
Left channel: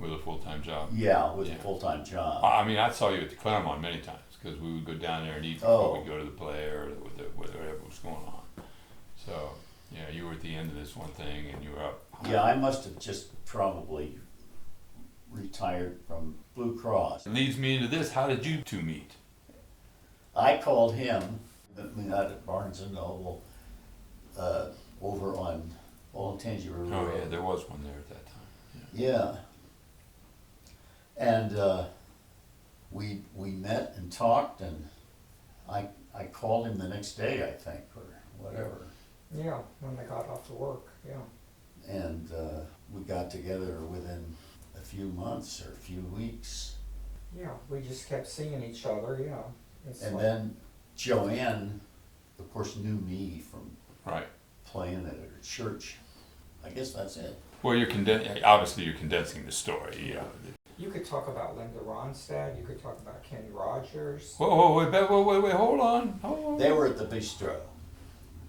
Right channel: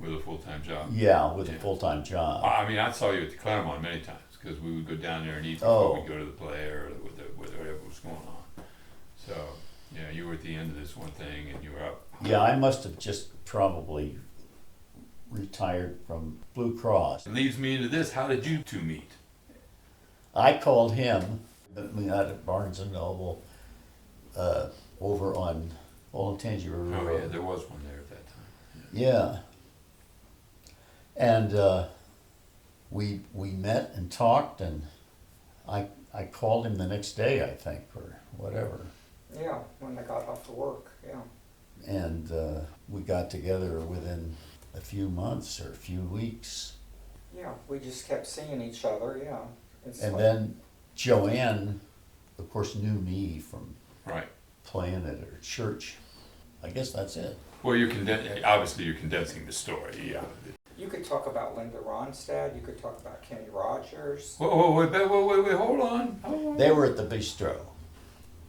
a full-time job. Yeah, with a full-time job. I mean, I saw you at the Claremont many times, because we would go down there and eat before we go to the play or whatever was going on. So, yeah, you were at the end of this one thing and you were up. Yeah, I must have just probably retired from Blue Cross. It leads me into this. How did you two meet? I called him. We met at Barnes & Noble over on Olentangy River Road. Oh, yeah, there was one there at that time. Yeah. And we met and talked, and I called him the next day, I think, or whatever. Yeah, when they got off to work, yeah. And we got together within a few months or a few weeks. Yeah, we just kept seeing each other, yeah. And then Joanne, of course, knew me from playing at her church. I guess that's it. Well, obviously you're condensing the story, yeah. You could talk about Linda Ronstadt, you could talk about Kenny Rogers. Wait, hold on. They were at the bistro.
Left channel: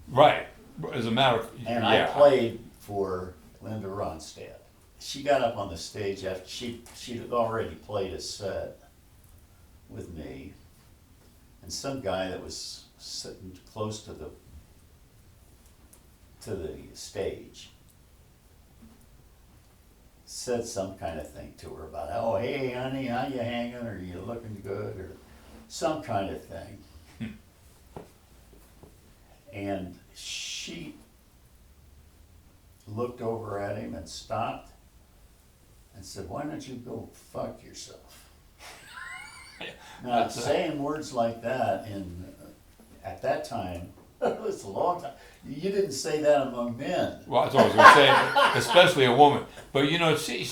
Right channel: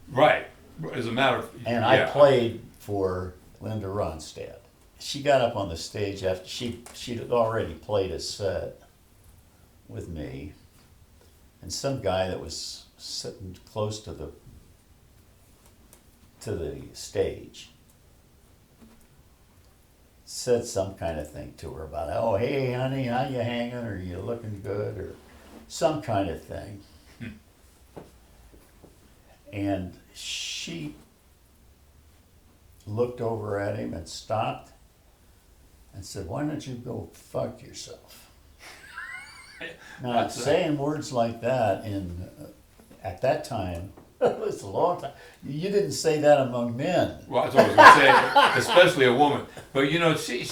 Right, as a matter of... And I played for Linda Ronstadt. She got up on the stage after she'd already played a set with me, and some guy that was sitting close to the stage said some kind of thing to her about, oh, hey, honey, how you hanging? Or you looking good? Or some kind of thing. And she looked over at him and stopped and said, why don't you go fuck yourself? Now, saying words like that at that time, it was a long time. You didn't say that among men. Well, that's what I was going to say, especially a woman. But you know, she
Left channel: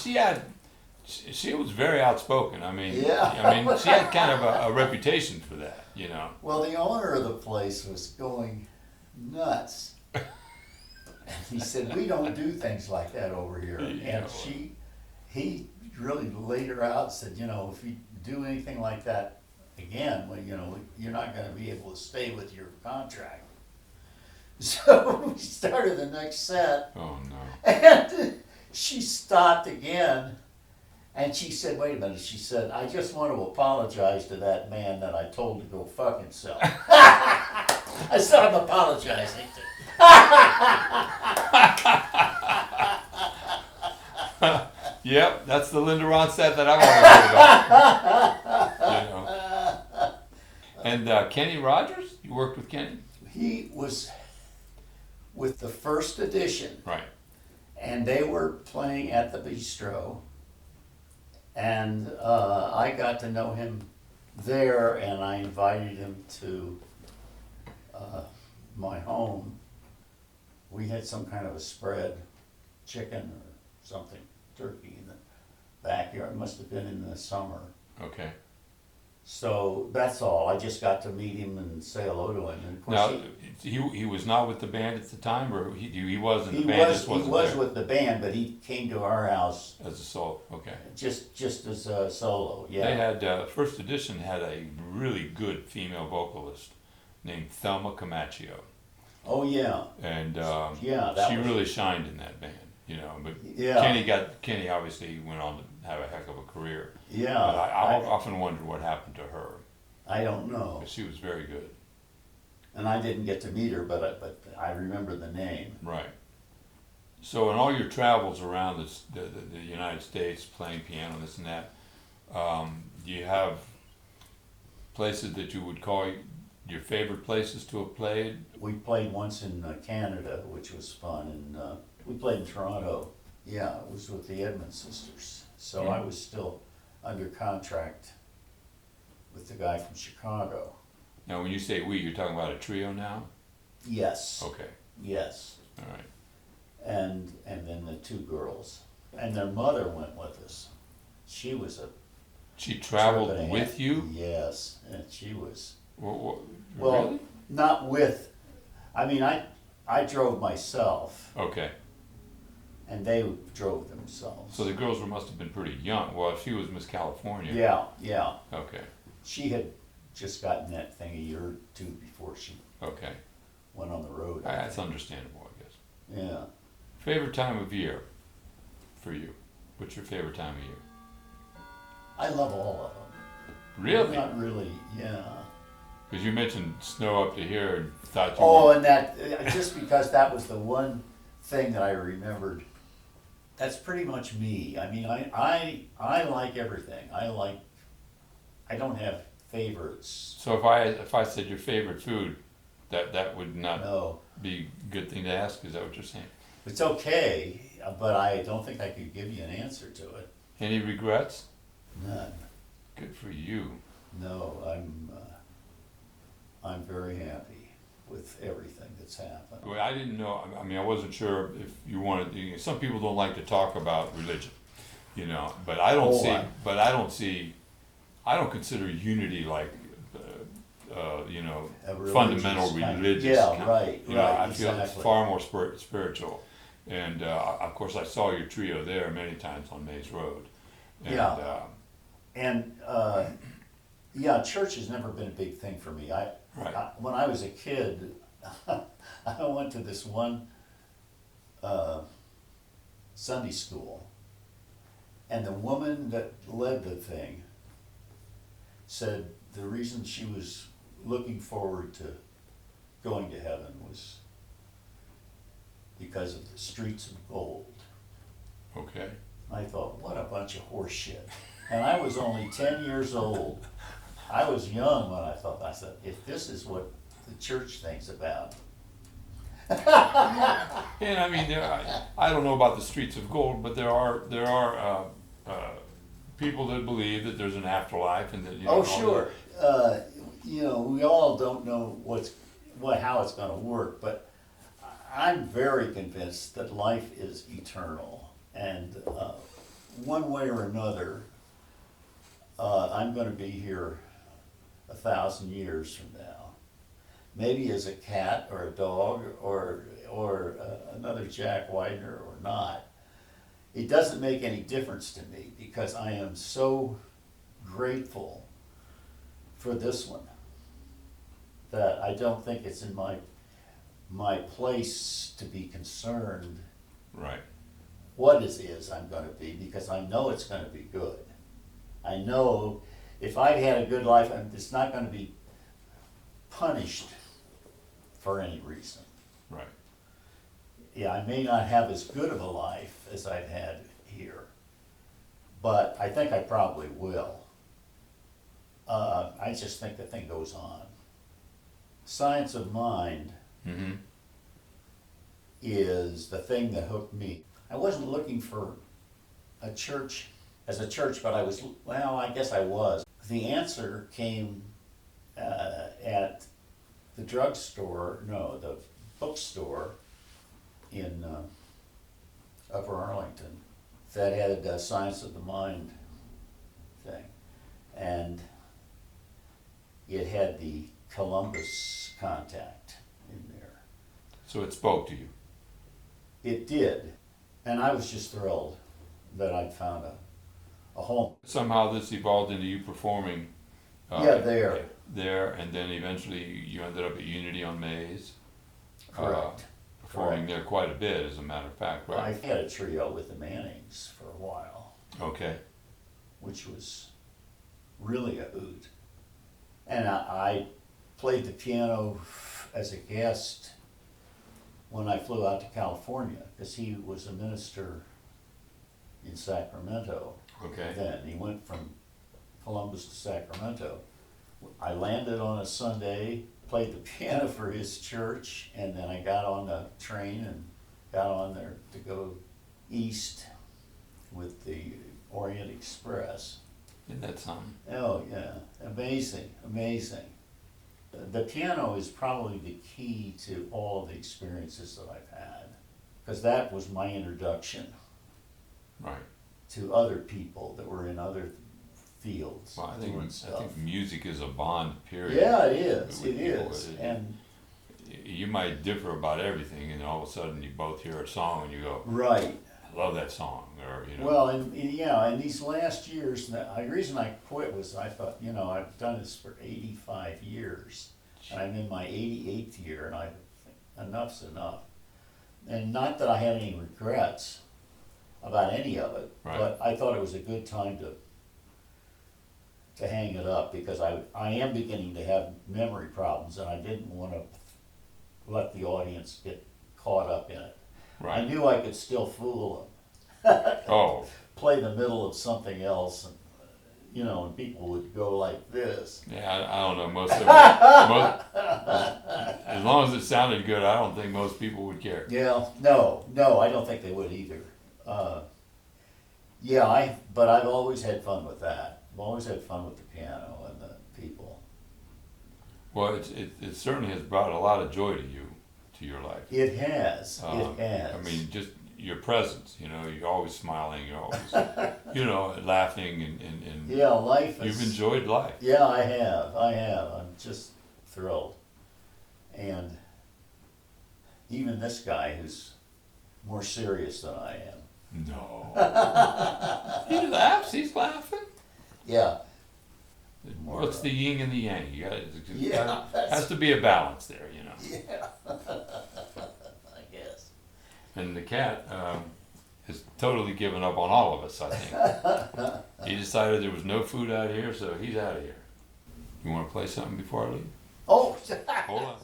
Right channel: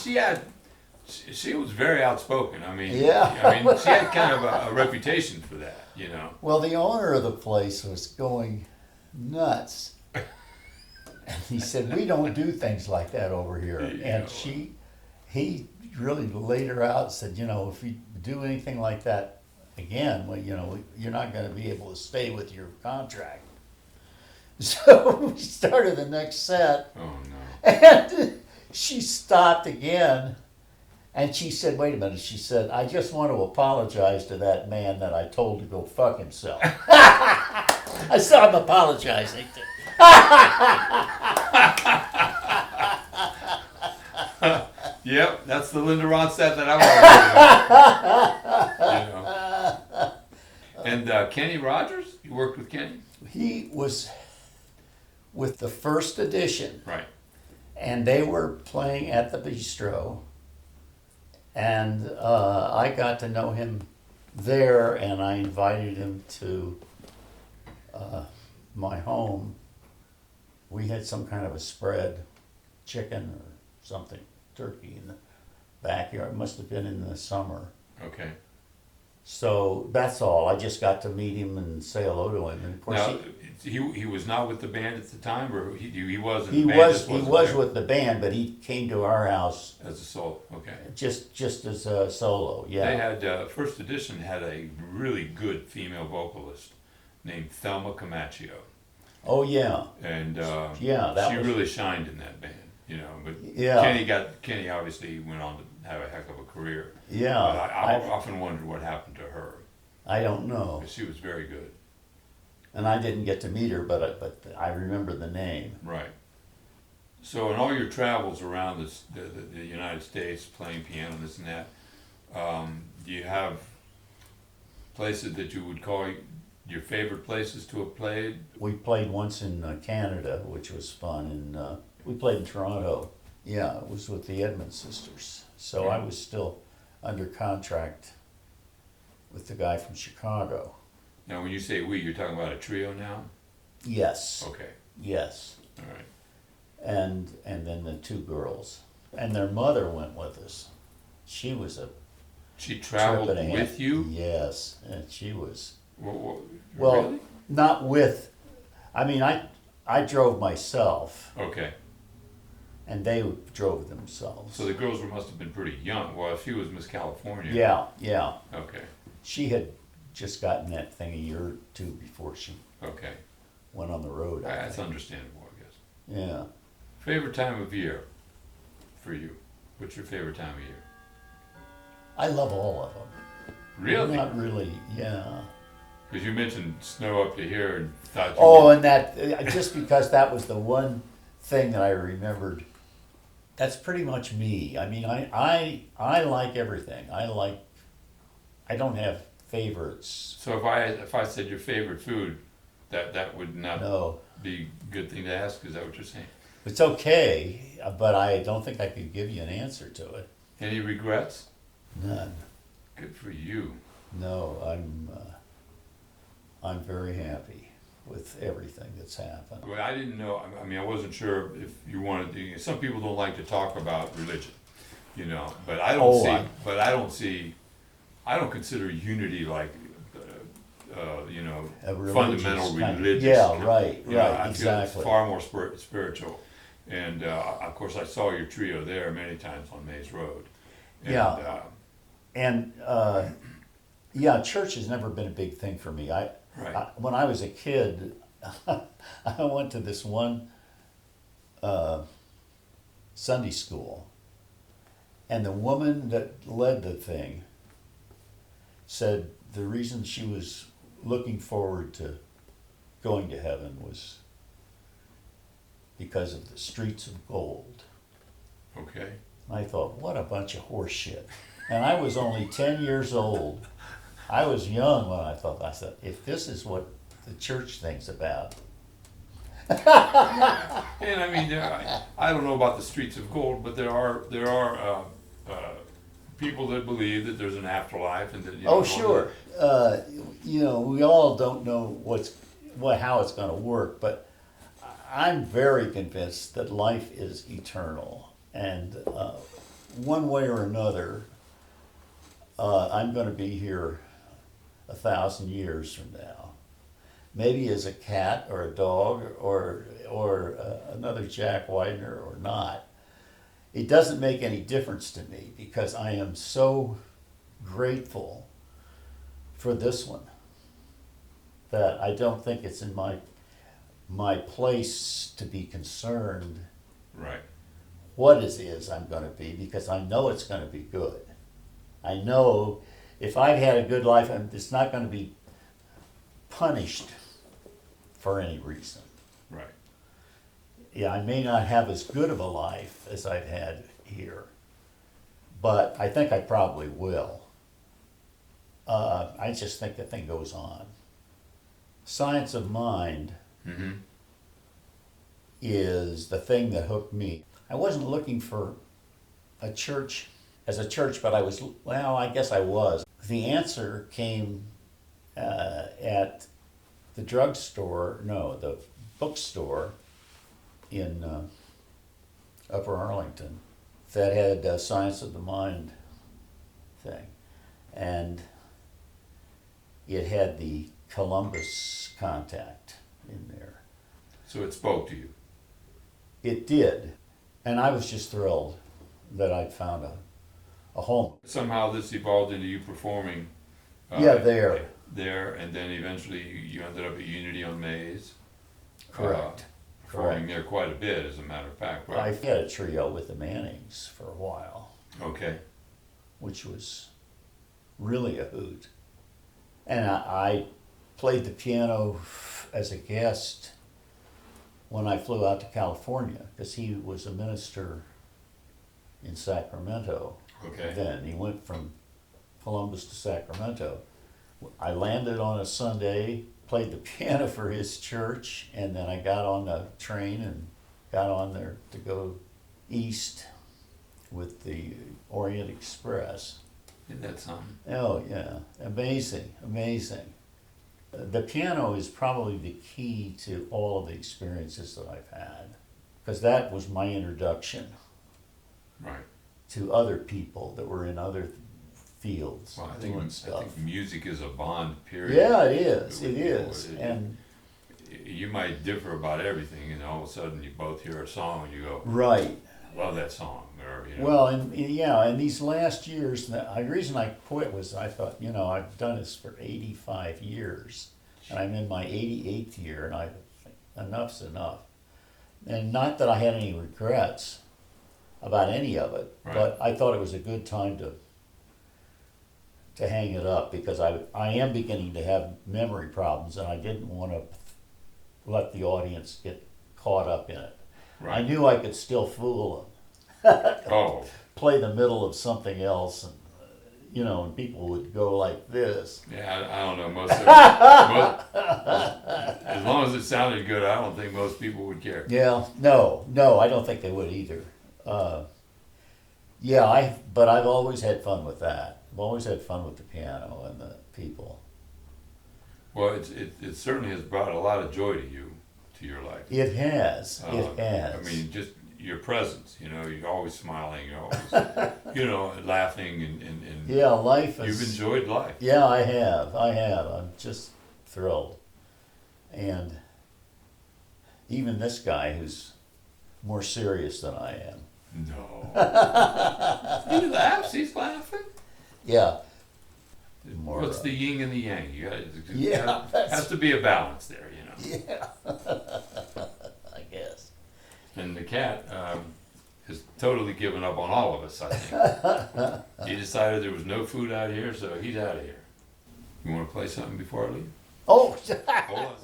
was very outspoken. I mean, Yeah. she had kind of a reputation for that, you know. Well, the owner of the place was going nuts. And he said, we don't do things like that over here. And he really laid her out and said, you know, if you do anything like that again, well, you know, you're not going to be able to stay with your contract. So we started the next set. Oh, no. And she stopped again. And she said, wait a minute. She said, I just want to apologize to that man that I told to go fuck himself. I said, I'm apologizing. Yep, that's the Linda Ronstadt that I want to hear about. You know. And Kenny Rogers, you worked with Kenny? He was with the first edition. Right. And they were playing at the bistro. And I got to know him there, and I invited him to my home. We had some kind of a spread, chicken or something, turkey in the backyard. It must have been in the summer. Okay. So that's all. I just got to meet him and say hello to him. And of course, Now, he was not with the band at the time, or he was in the he band? was just wasn't he was there? with the band, but he came to our house As a solo, okay. just as a solo. Yeah. They had, first edition had a really good female vocalist named Thelma Camaccio. Oh yeah. And Yeah, that she was- really shined in that band, you know. But Yeah. Kenny obviously went on to have a heck of a career. Yeah. But I often wondered what happened to her. I don't know. 'Cause she was very good. And I didn't get to meet her, but I remember the name. Right. So in all your travels around the United States, playing piano, this and that, do you have places that you would call your favorite places to have played? We played once in Canada, which was fun, and we played in Toronto. Yeah, it was with the Edmund sisters. So I was still under contract with the guy from Chicago. Now, when you say we, you're talking about a trio now? Yes. Okay. Yes. All right. And then the two girls. And their mother went with us. She was a She traveled trip and a half. with you? Yes, and she was. Well, Well, not with. I mean, I drove myself, Okay. and they drove themselves. So the girls must have been pretty young. Well, if she was Miss California. Yeah. Okay. She had just gotten that thing a year or two before she Okay. went on the road. I That's think. understandable, I guess. Yeah. Favorite time of year for you? What's your favorite time of year? I love all of them. Really? Not really. Yeah. Because you mentioned snow up to here and thought you Oh, were- and that just because that was the one thing that I remembered. That's pretty much me. I mean, I like everything. I don't have favorites. So if I said your favorite food, that would not No, be a good thing to ask. Is that what you're saying? it's okay, but I don't think I could give you an answer to it. Any regrets? None. Good for you. No, I'm very happy with everything that's happened. Well, I didn't know. I mean, I wasn't sure if you wanted. Some people don't like to talk about religion, you know. But I don't Oh, see. I- But I don't see. I don't consider unity like, you know, A religious fundamental kind of- religious. yeah, kind- right, you know, right, I feel it's exactly. far more spiritual. And of course, I saw your trio there many times on Mays Road. And, Yeah. And yeah, church has never been a big thing for me. Right. When I was a kid, I went to this one Sunday school. And the woman that led the thing said the reason she was looking forward to going to heaven was because of the streets of gold. Okay. I thought, what a bunch of horse shit. And I was only 10 years old. I was young when I said, if this is what the church thinks about. And I mean, I don't know about the streets of gold, but there are people that believe that there's an afterlife and that Oh, sure. We all don't know how it's going to work, but I'm very convinced that life is eternal, and one way or another, I'm going to be here 1,000 years from now. Maybe as a cat or a dog or another Jack Widner or not. It doesn't make any difference to me because I am so grateful for this one that I don't think it's in my place to be concerned Right. what it is I'm going to be, because I know it's going to be good. I know if I've had a good life, it's not going to be punished for any reason. Right. Yeah, I may not have as good of a life as I've had here, but I think I probably will. I just think the thing goes on. Science of Mind Mm-hmm. is the thing that hooked me. I wasn't looking for a church as a church, but I guess I was. The answer came at the the bookstore in Upper Arlington that had a Science of the Mind thing. And it had the Columbus contact in there. So it spoke to you. It did. And I was just thrilled that I'd found a home. Somehow this evolved into you performing. There, and then eventually you ended up at Unity on Maze. correct. Performing there quite a bit, as a matter of fact, right? I had a trio with the Mannings for a while, Okay. which was really a hoot. And I played the piano as a guest when I flew out to California, because he was a minister in Sacramento. Okay. Then he went from Columbus to Sacramento. I landed on a Sunday, played the piano for his church, and then I got on the train and got on there to go east with the Orient Express. Isn't that something? Oh yeah, amazing. The piano is probably the key to all of the experiences that I've had, because that was my introduction Right. to other people that were in other fields Well, I doing stuff. think music is a bond, period. Yeah, it is. with It people. is. And You might differ about everything, and all of a sudden you both hear a song and you go, right. I love that song, or Well, and these last years, the reason I quit was I thought, I've done this for 85 years, and I'm in my 88th year, and enough's enough. And not that I had any regrets about any of it, Right. but I thought it was a good time to hang it up, because I am beginning to have memory problems, and I didn't want to let the audience get caught up in it. right. I knew I could still fool them. Oh, Play the middle of something else, and and people would go like this. yeah, I don't know, as long as it sounded good, I don't think most people would care. Yeah, no, I don't think they would either. But I've always had fun with that. I've always had fun with the piano and the people. Well, it certainly has brought a lot of joy to you, to your life. It has. It has. I mean, just your presence, you're always smiling, you're always, laughing and yeah, life is. you've enjoyed life. Yeah, I have. I'm just thrilled. And even this guy who's more serious than I am. No. He laughs, he's laughing. Yeah. What's the yin and the yang? Yeah, Has to be a balance there, Yeah. I guess. And the cat has totally given up on all of us, I think. He decided there was no food out here, so he's out of here. You want to play something before I leave? Oh, Hold on.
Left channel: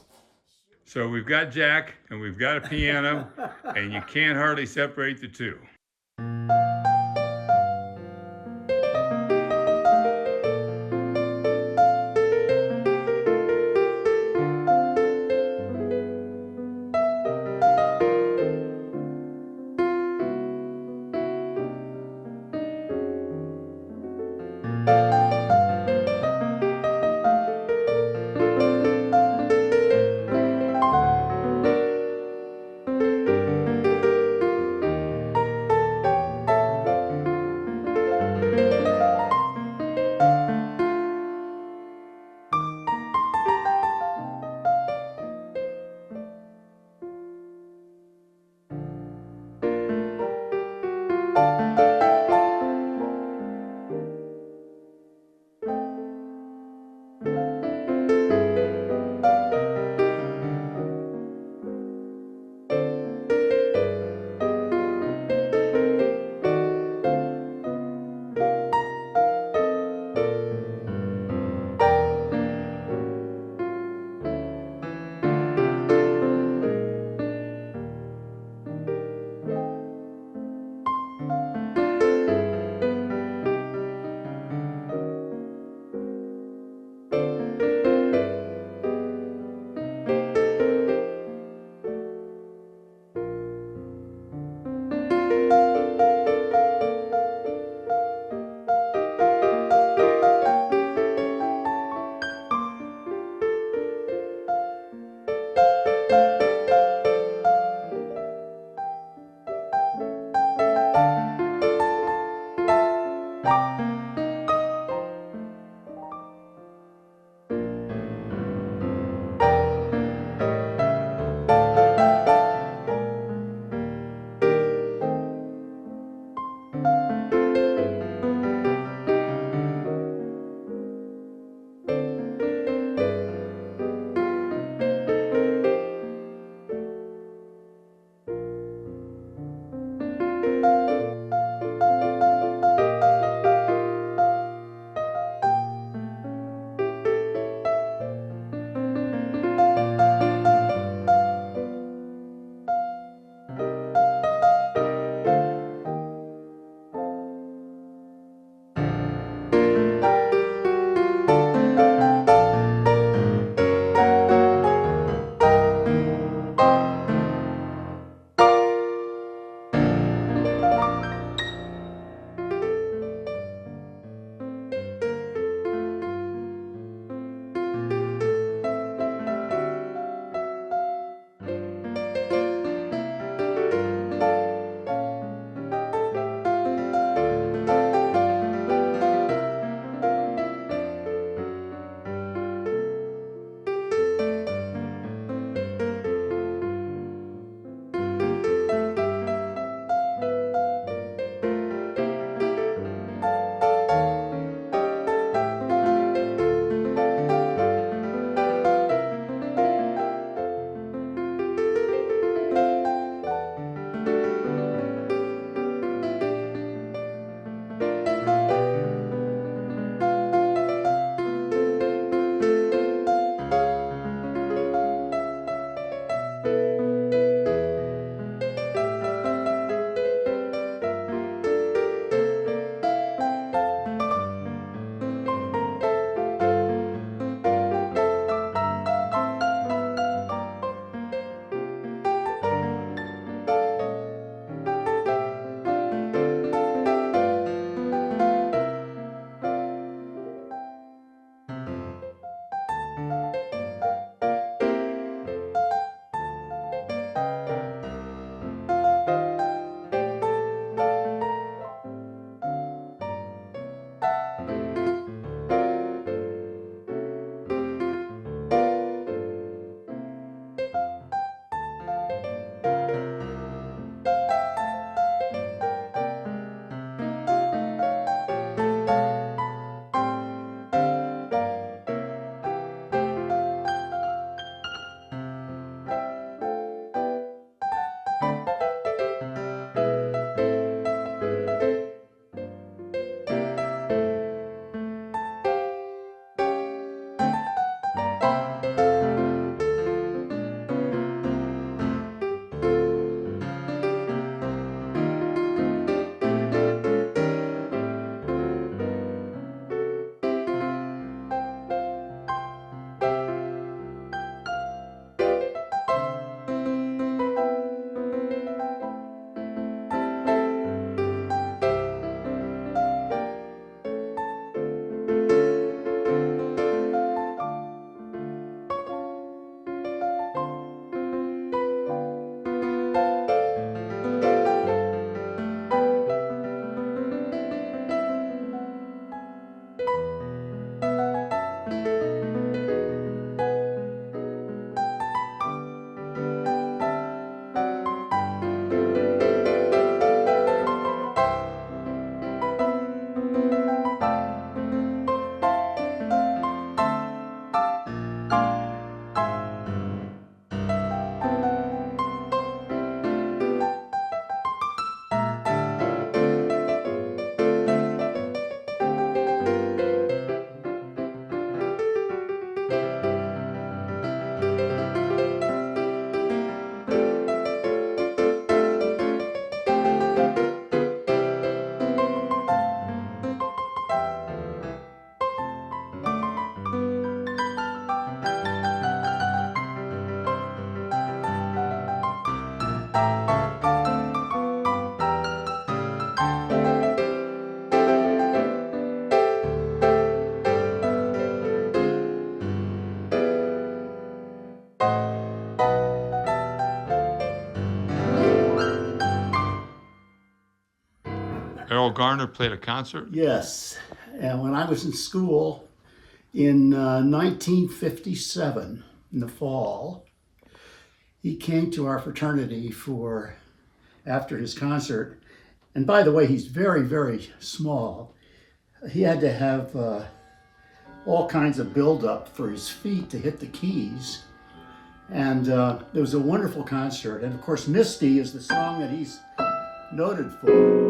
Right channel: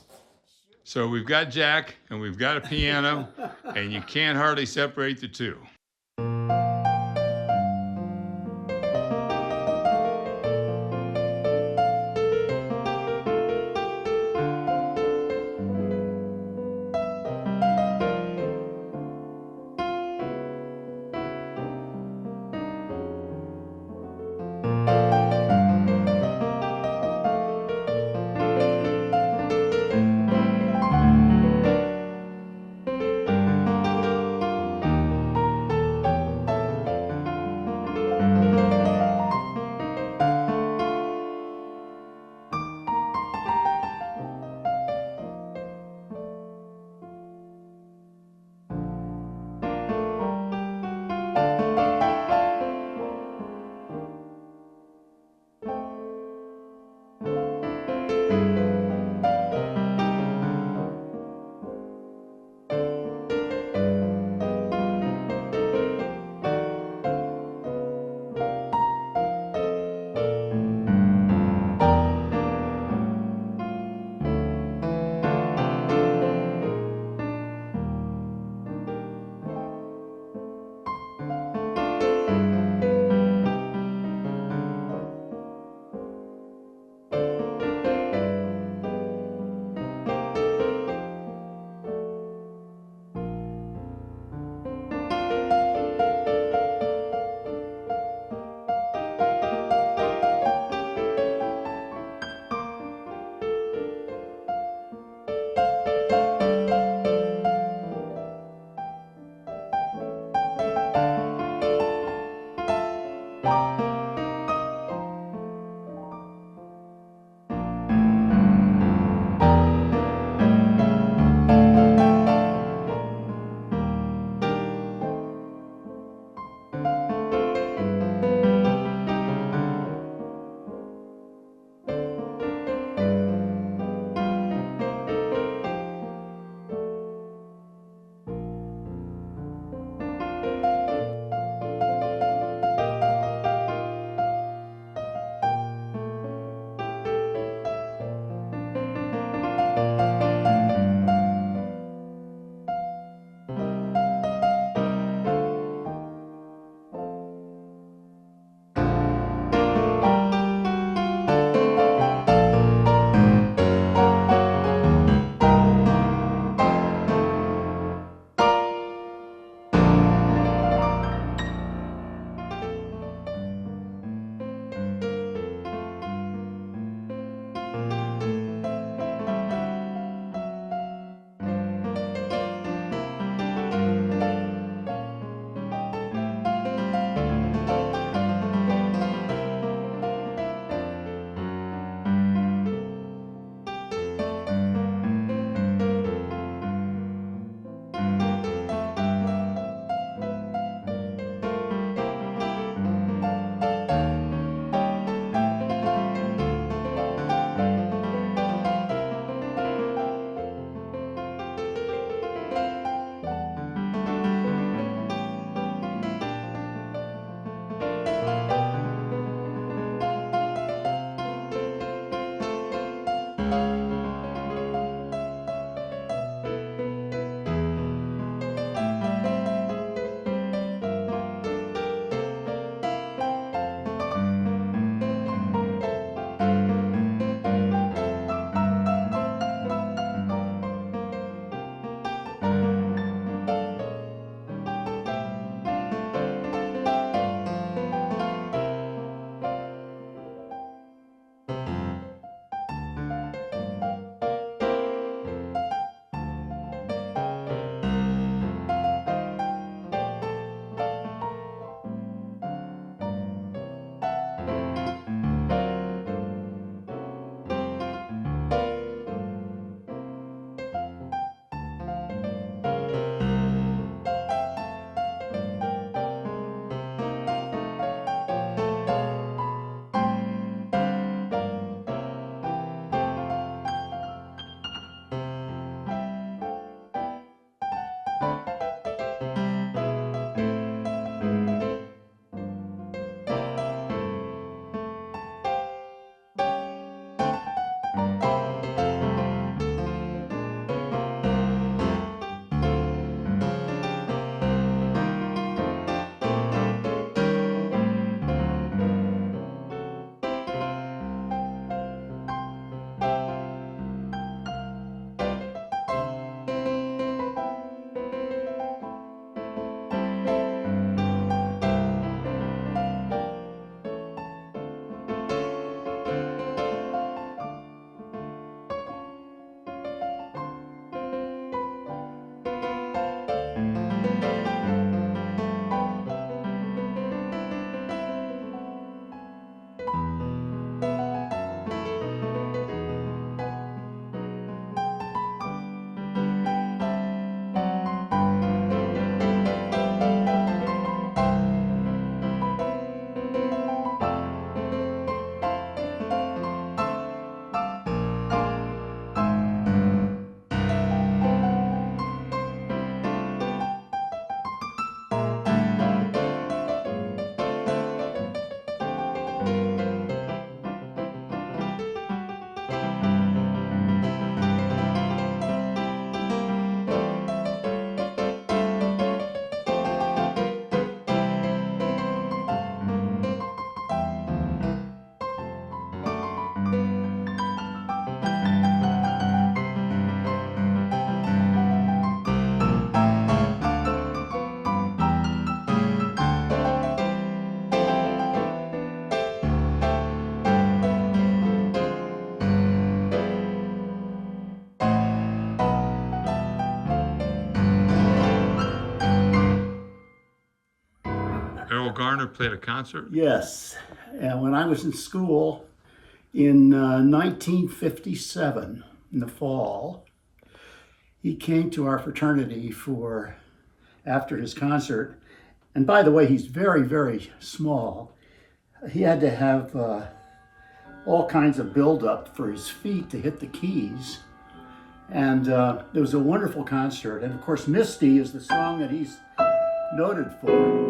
So we've got Jack and we've got a piano, and you can't hardly separate the two. Garner played a concert? Yes, and when I was in school in 1957, in the fall, he came to our fraternity after his concert. And by the way, he's very, very small. He had to have all kinds of build-up for his feet to hit the keys. And it was a wonderful concert. And of course, Misty is the song that he's noted for.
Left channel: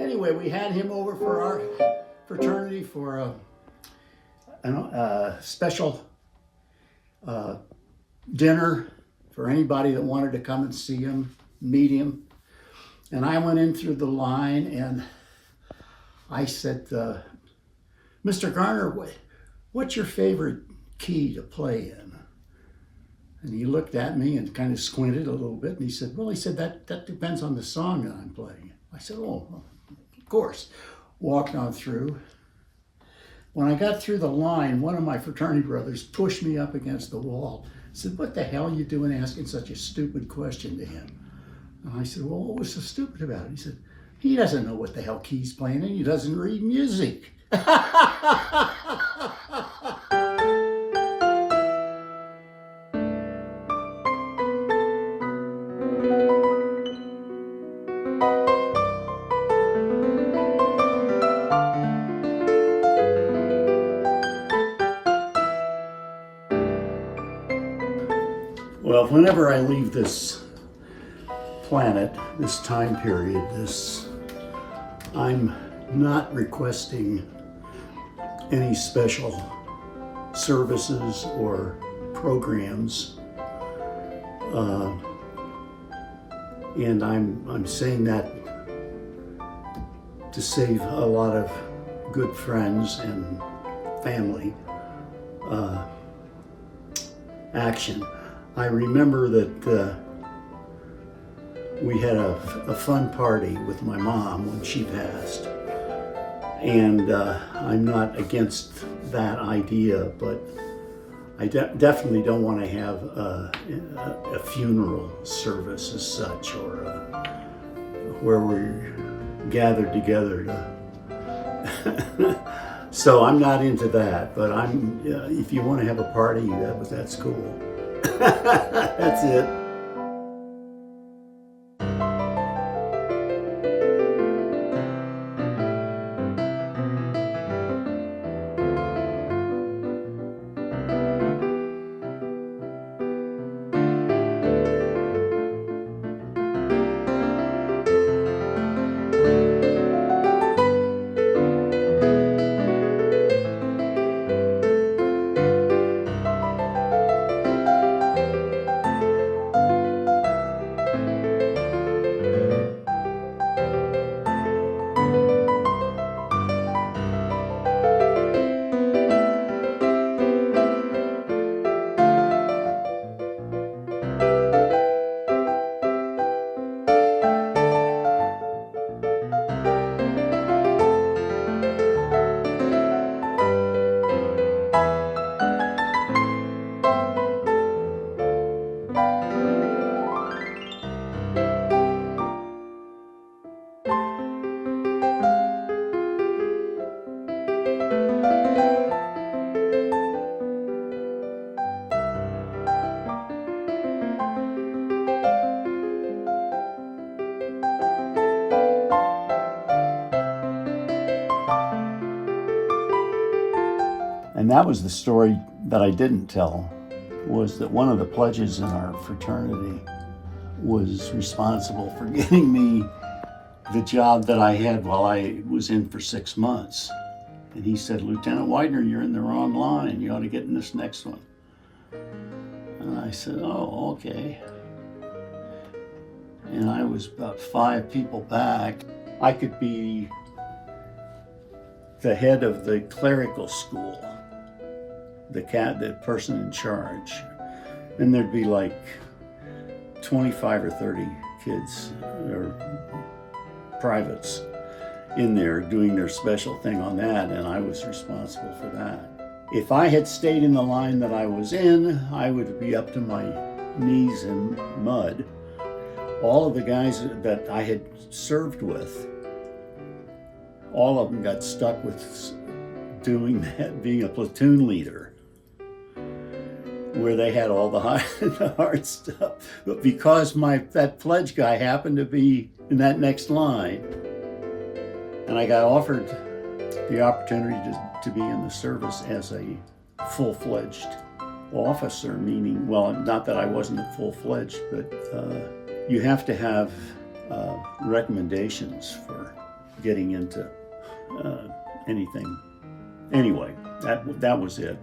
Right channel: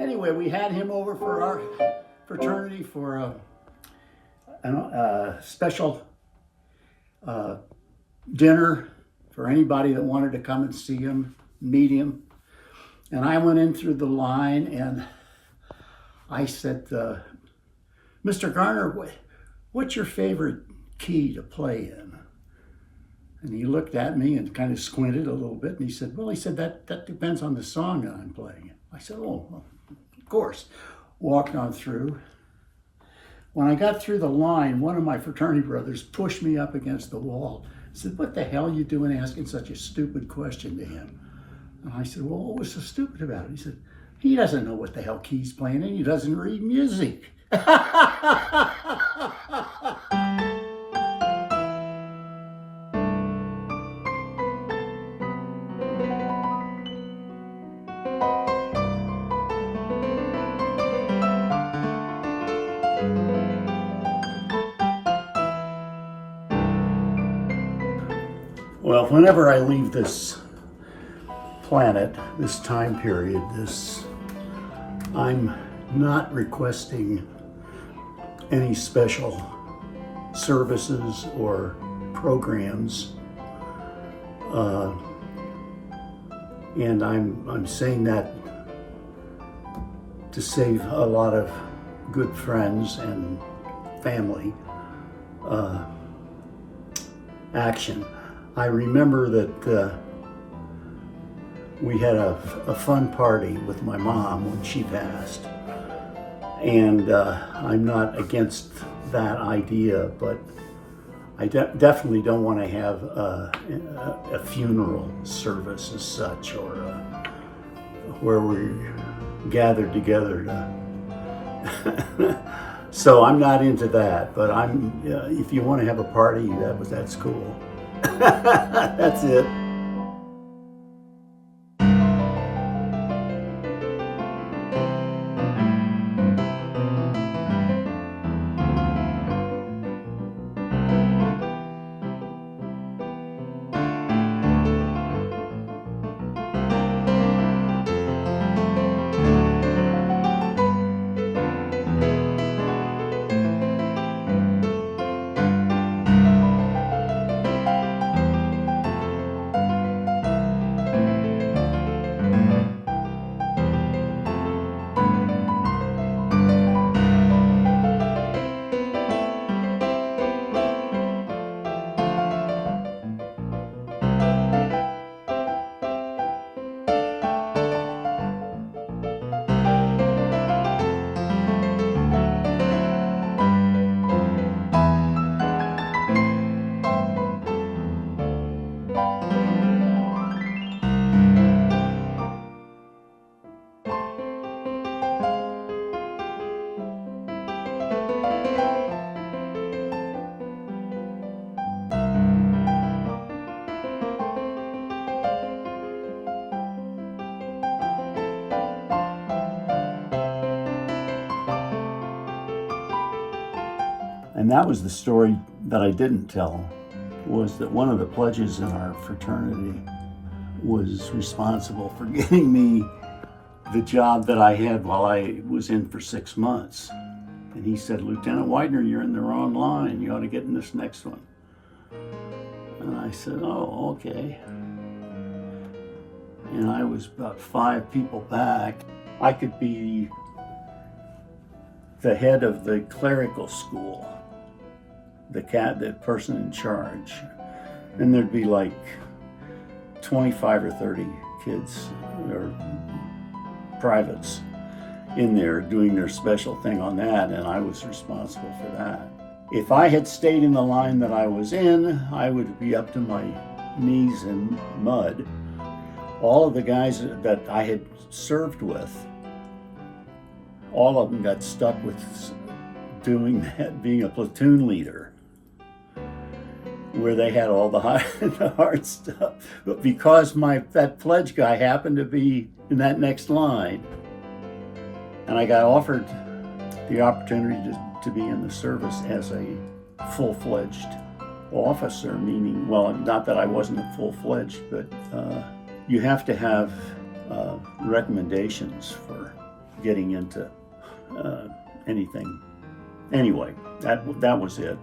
Anyway, we had him over for our fraternity for a special dinner for anybody that wanted to come and see him, meet him. And I went in through the line and I said, Mr. Garner, what's your favorite key to play in? And he looked at me and kind of squinted a little bit, and he said, that depends on the song that I'm playing. I said, oh, well, of course. Walked on through. When I got through the line, one of my fraternity brothers pushed me up against the wall. He said, what the hell are you doing asking such a stupid question to him? And I said, well, what was so stupid about it? He said, he doesn't know what the hell key's playing in. He doesn't read music. Well, whenever I leave this planet, this time period, I'm not requesting any special services or programs, and I'm saying that to save a lot of good friends and family action. I remember that we had a fun party with my mom when she passed, and I'm not against that idea, but I definitely don't want to have a funeral service as such, or where we're gathered together to so I'm not into that, but if you want to have a party, that's cool. That's it. And that was the story that I didn't tell, was that one of the pledges in our fraternity was responsible for getting me the job that I had while I was in for 6 months. And he said, Lieutenant Widner, you're in the wrong line. You ought to get in this next one. And I said, oh, okay. And I was about 5 people back. I could be the head of the clerical school, the person in charge. And there'd be like 25 or 30 kids or privates in there doing their special thing on that, and I was responsible for that. If I had stayed in the line that I was in, I would be up to my knees in mud. all of the guys that I had served with, all of them got stuck with doing that, being a platoon leader, where they had all the hard stuff. But because that pledge guy happened to be in that next line, and I got offered the opportunity to be in the service as a full-fledged officer, meaning, well, not that I wasn't a full-fledged, but you have to have recommendations for getting into anything. Anyway, that was it.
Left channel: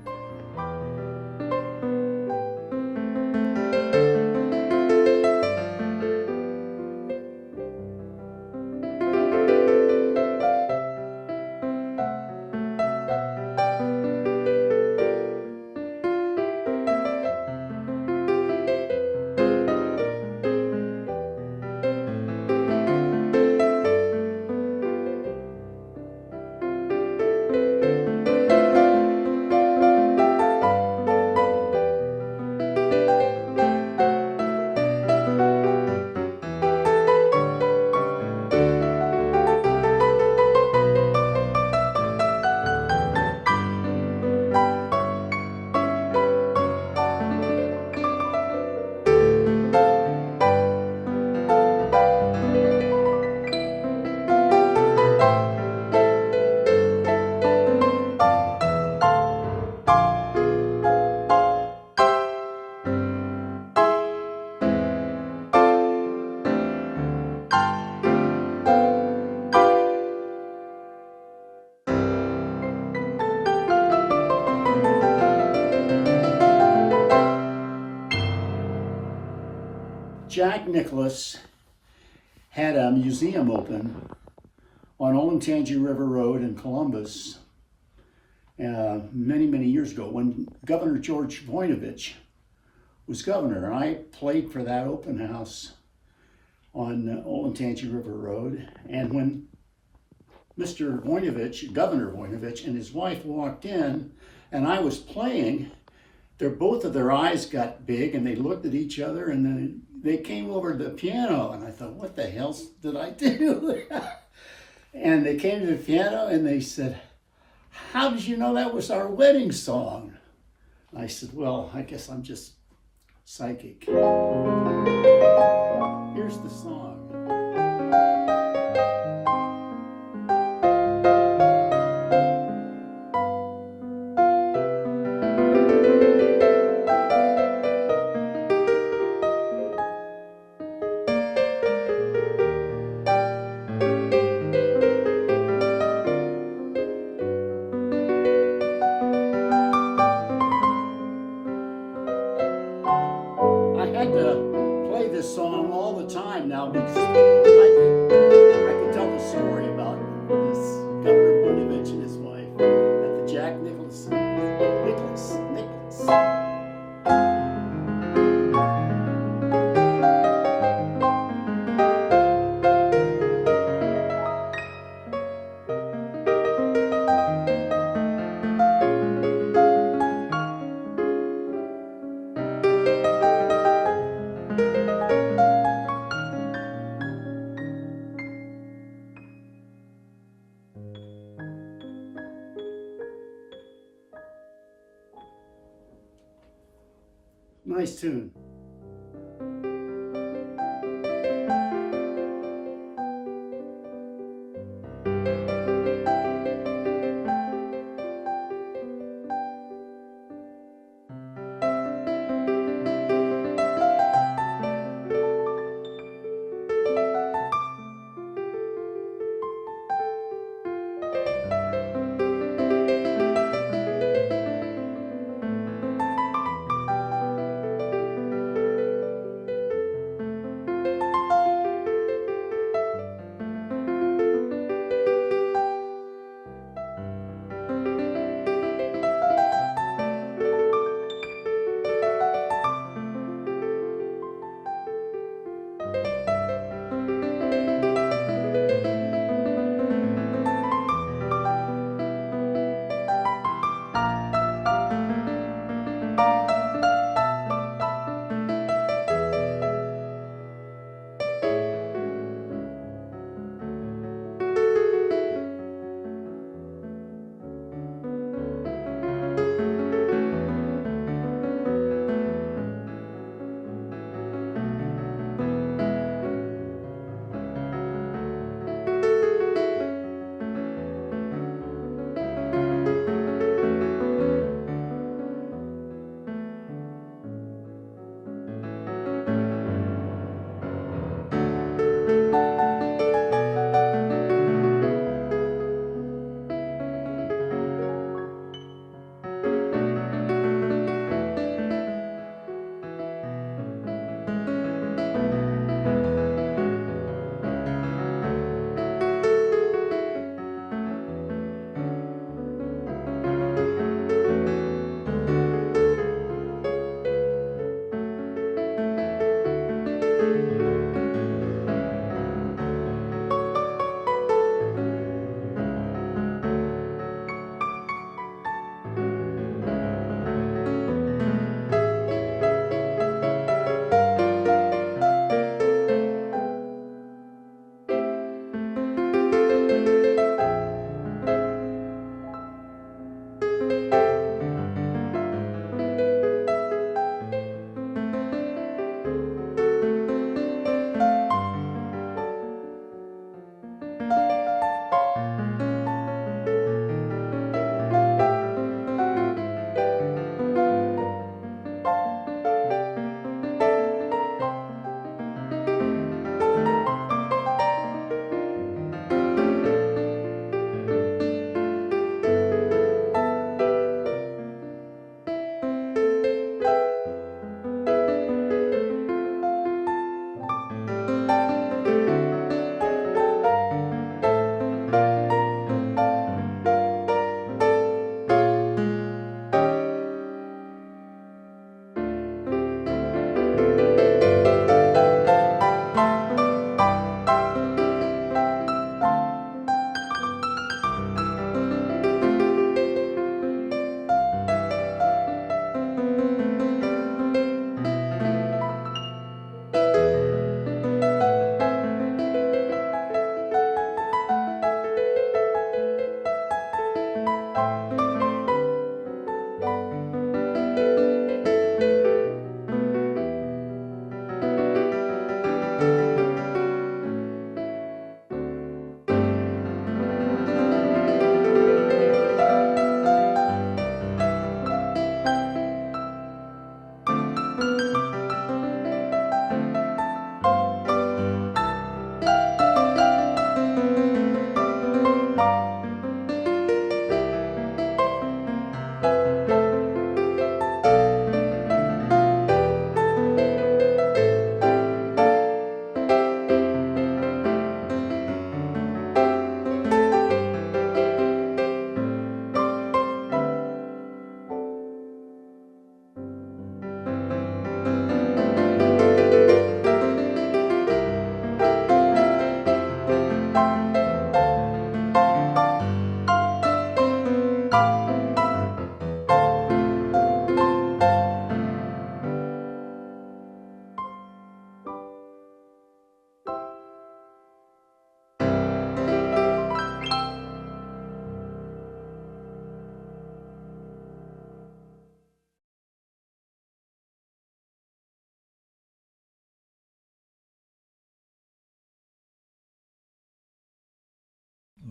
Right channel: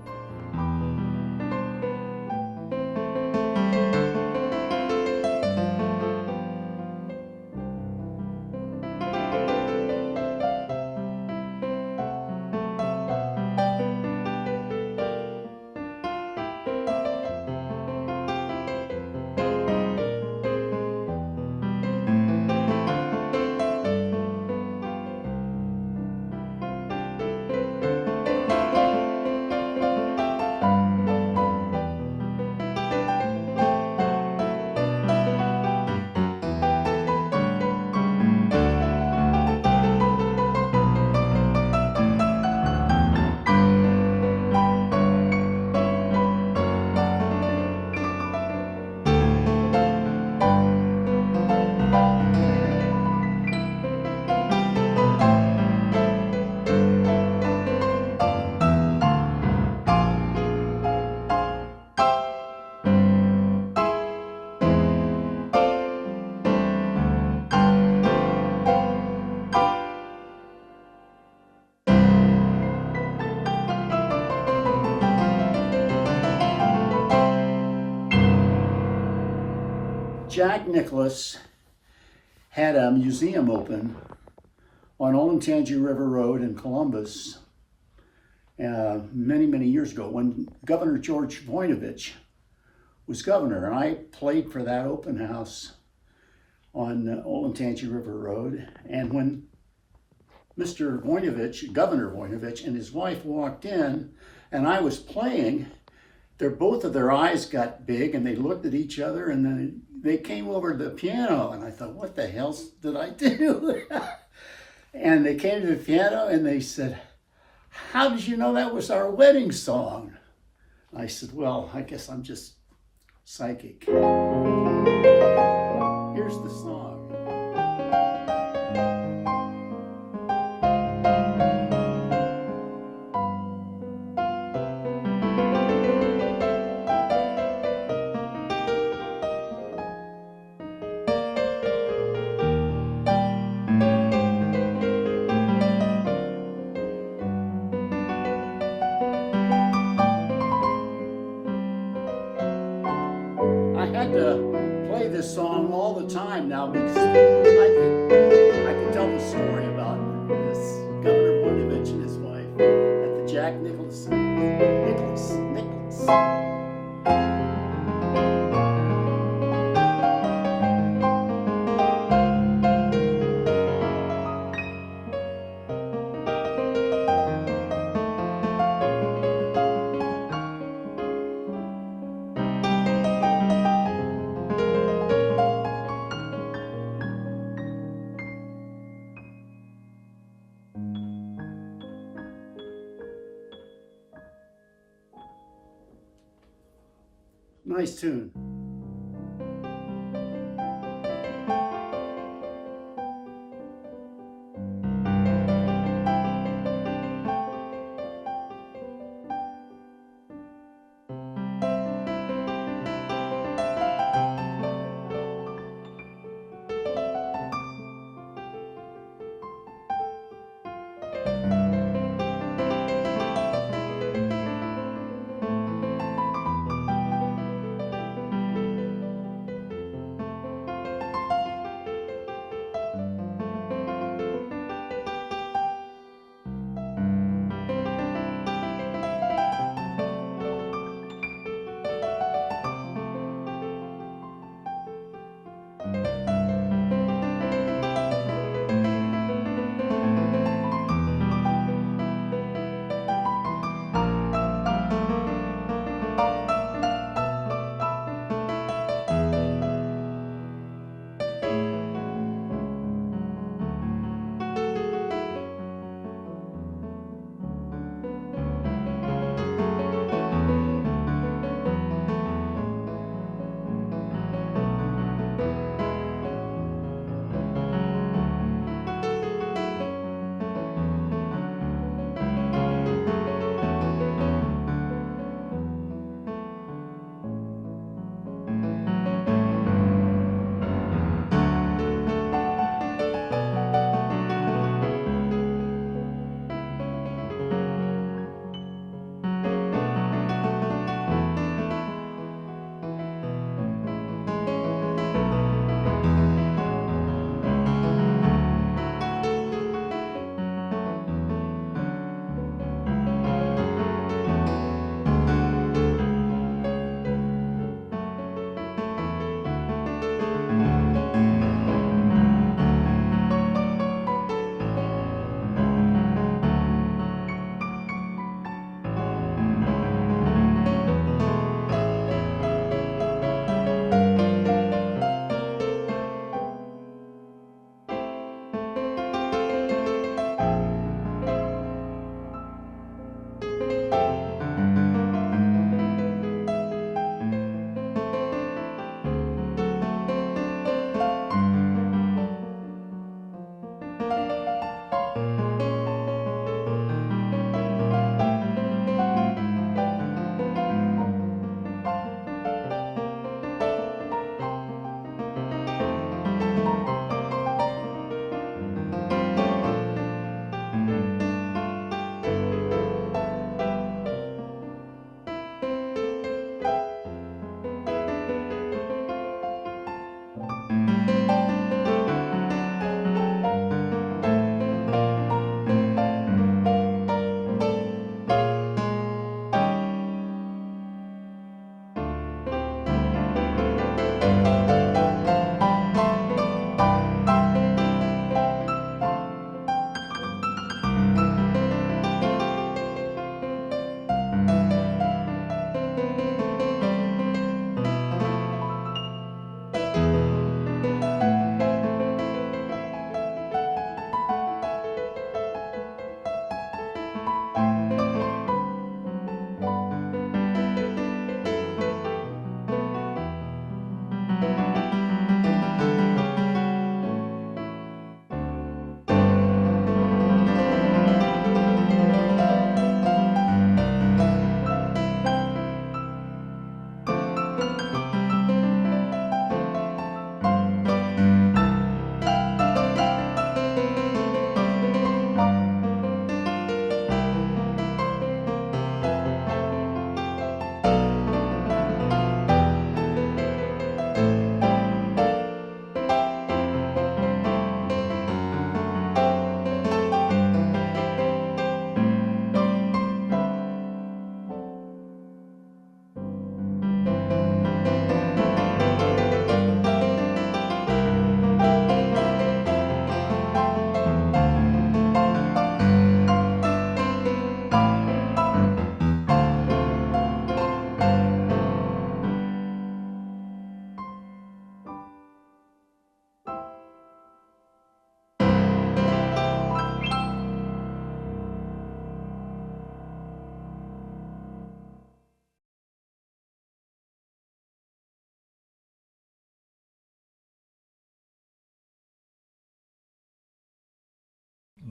Jack Nicklaus had a museum open on Olentangy River Road in Columbus many, many years ago when Governor George Voinovich was governor. And I played for that open house on Olentangy River Road. And when Mr. Voinovich, Governor Voinovich, and his wife walked in and I was playing, both of their eyes got big and they looked at each other, and then they came over to the piano, and I thought, what the hell did I do? And they came to the piano and they said, how did you know that was our wedding song? I said, well, I guess I'm just psychic. Here's the song. I had to play this song all the time now because I could tell the story about this Governor Voinovich and his wife at the Jack Nicklaus. Nice tune.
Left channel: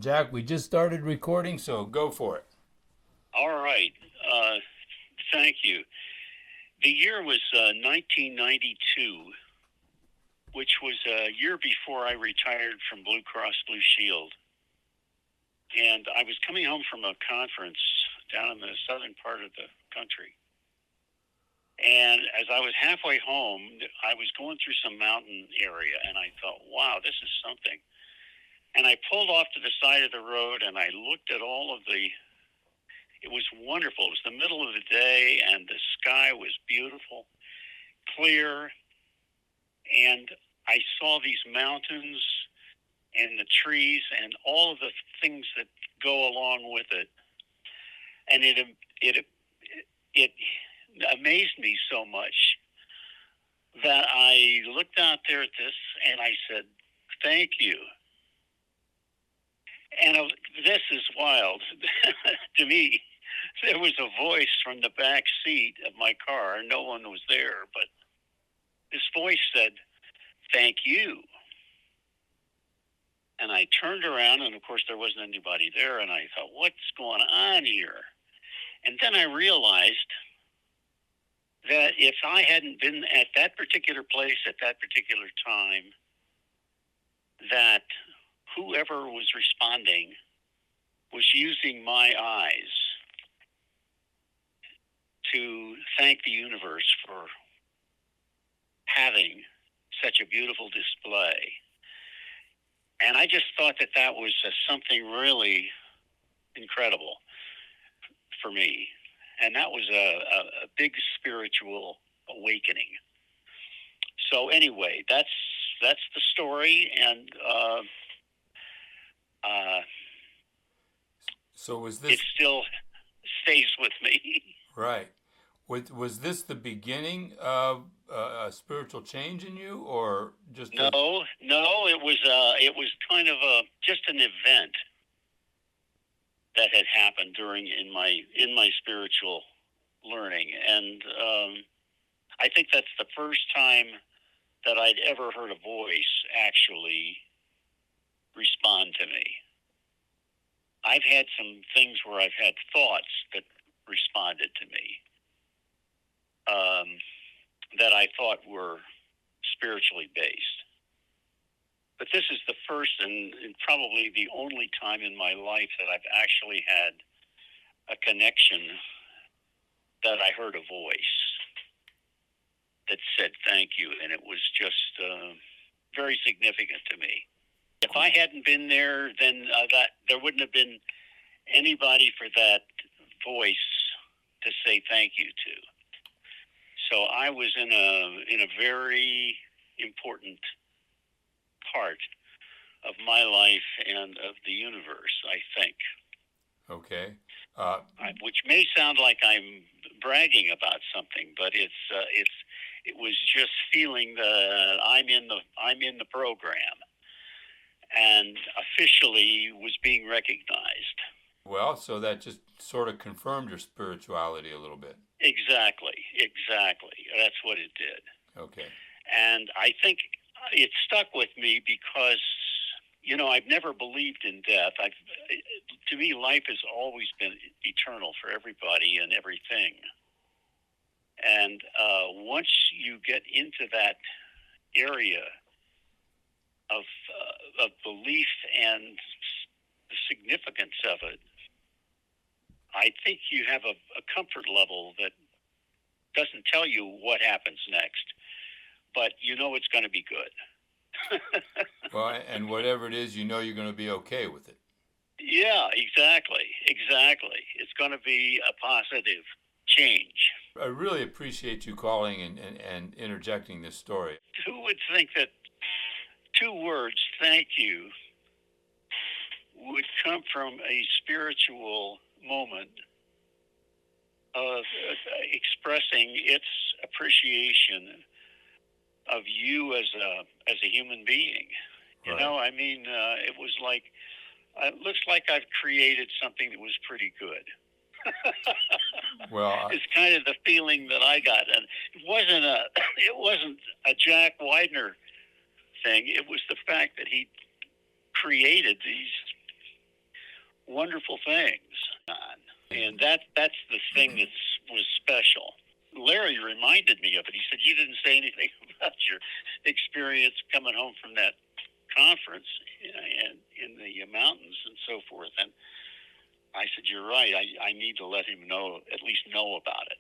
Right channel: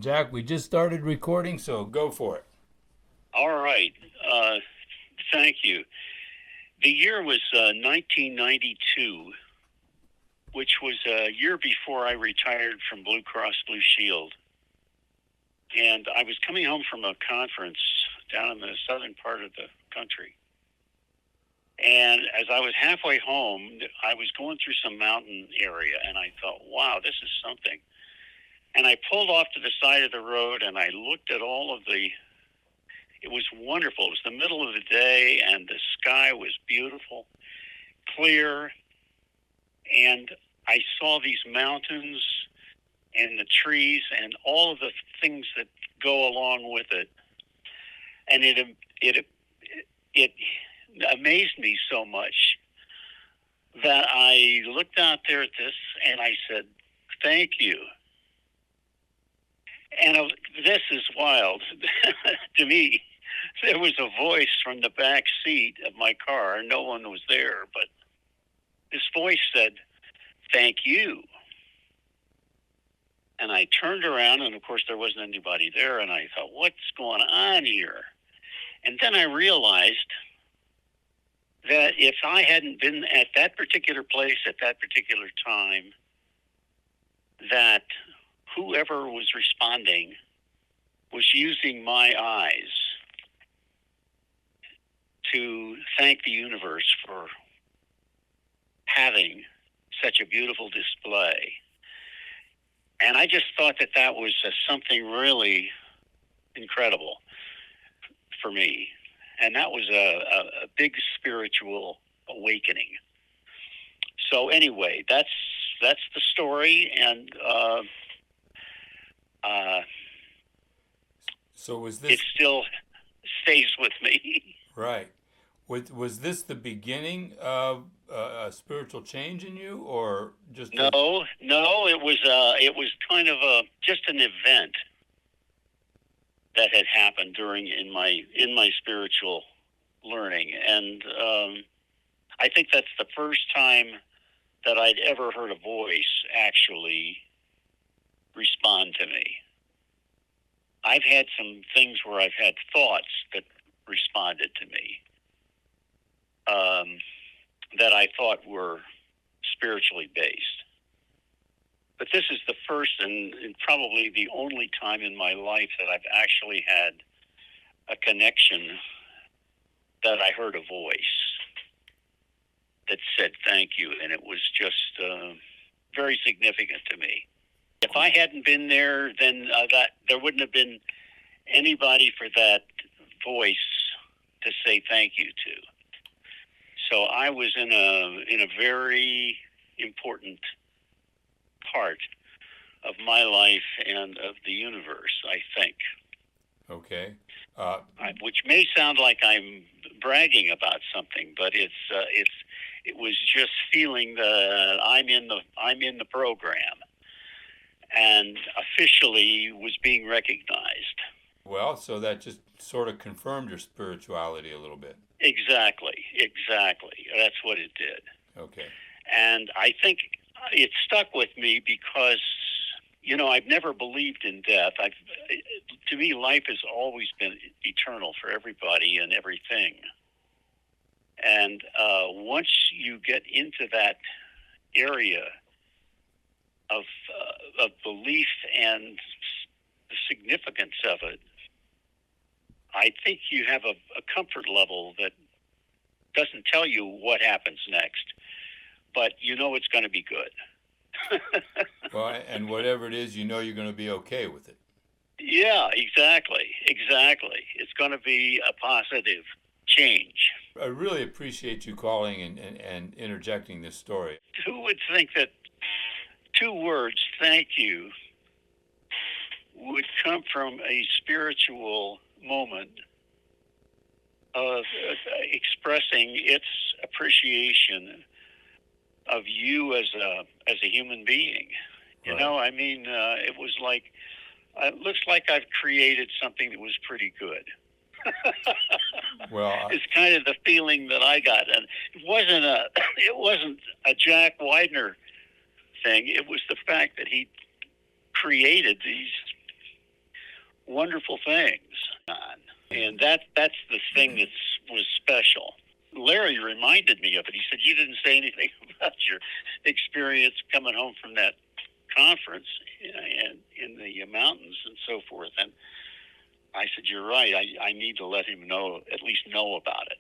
Jack, we just started recording, so go for it. All right. Thank you. The year was 1992, which was a year before I retired from Blue Cross Blue Shield. And I was coming home from a conference down in the southern part of the country. And as I was halfway home, I was going through some mountain area, and I thought, wow, this is something. And I pulled off to the side of the road, and I looked at all of the... It was wonderful. It was the middle of the day, and the sky was beautiful, clear, and I saw these mountains and the trees and all of the things that go along with it. And it amazed me so much that I looked out there at this and I said, thank you. And this is wild to me. There was a voice from the back seat of my car. No one was there, but this voice said, thank you. And I turned around, and of course there wasn't anybody there, and I thought, what's going on here? And then I realized that if I hadn't been at that particular place at that particular time, that whoever was responding was using my eyes to thank the universe for having such a beautiful display. And I just thought that that was something really incredible for me. And that was a big spiritual awakening. So anyway, that's the story. And So was this... it still stays with me. Right. Was this the beginning of a spiritual change in you, or just... No, it was kind of just an event that had happened in my spiritual learning. And I think that's the first time that I'd ever heard a voice actually respond to me. I've had some things where I've had thoughts that responded to me that I thought were spiritually based. But this is the first and probably the only time in my life that I've actually had a connection that I heard a voice that said thank you, and it was just very significant to me. If I hadn't been there, then that there wouldn't have been anybody for that voice to say thank you to. So I was in a very important part of my life and of the universe, I think. Okay. Which may sound like I'm bragging about something, but it was just feeling that I'm in the program, and officially was being recognized. Well, so that just sort of confirmed your spirituality a little bit. Exactly. That's what it did. Okay. And I think it stuck with me because, I've never believed in death. To me, life has always been eternal for everybody and everything. And once you get into that area of belief and the significance of it, I think you have a comfort level that doesn't tell you what happens next, but it's going to be good. Well, and whatever it is, you're going to be okay with it. Yeah, exactly. It's going to be a positive change. I really appreciate you calling and interjecting this story. Who would think that two words, thank you, would come from a spiritual moment of expressing its appreciation of you as a human being. Right. It was like, it looks like I've created something that was pretty good. Well, it's kind of the feeling that I got, and it wasn't a Jack Widner thing. It was the fact that he created these wonderful things on. And that's the thing that was special. Larry reminded me of it. He said, you didn't say anything about your experience coming home from that conference and in the mountains and so forth. And I said, you're right. I need to let him at least know about it.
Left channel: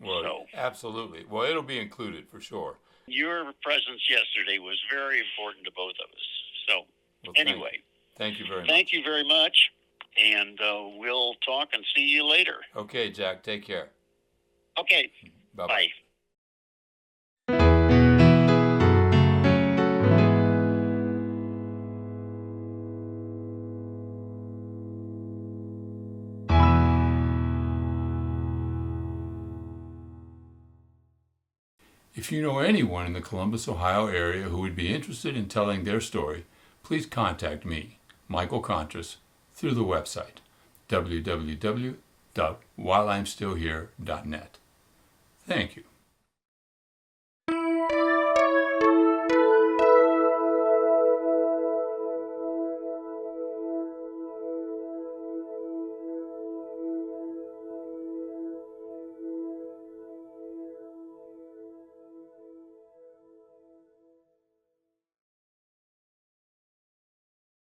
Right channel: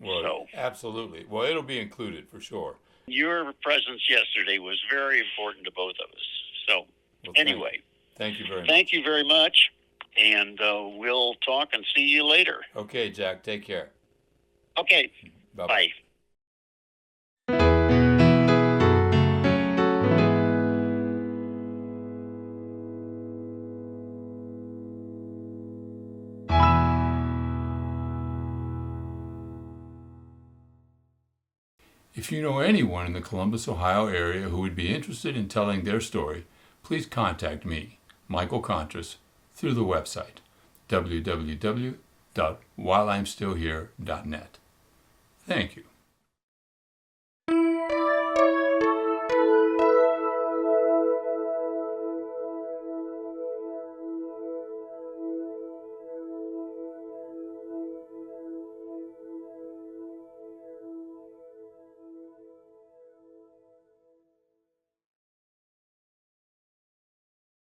Well, absolutely. Well, it'll be included for sure. Your presence yesterday was very important to both of us. So, Well, anyway. Thank you very much. Thank you very much. And we'll talk and see you later. Okay, Jack. Take care. Okay. Bye-bye. Bye. If you know anyone in the Columbus, Ohio area who would be interested in telling their story, please contact me, Michael Kontras, through the website www.whileimstillhere.net. Thank you.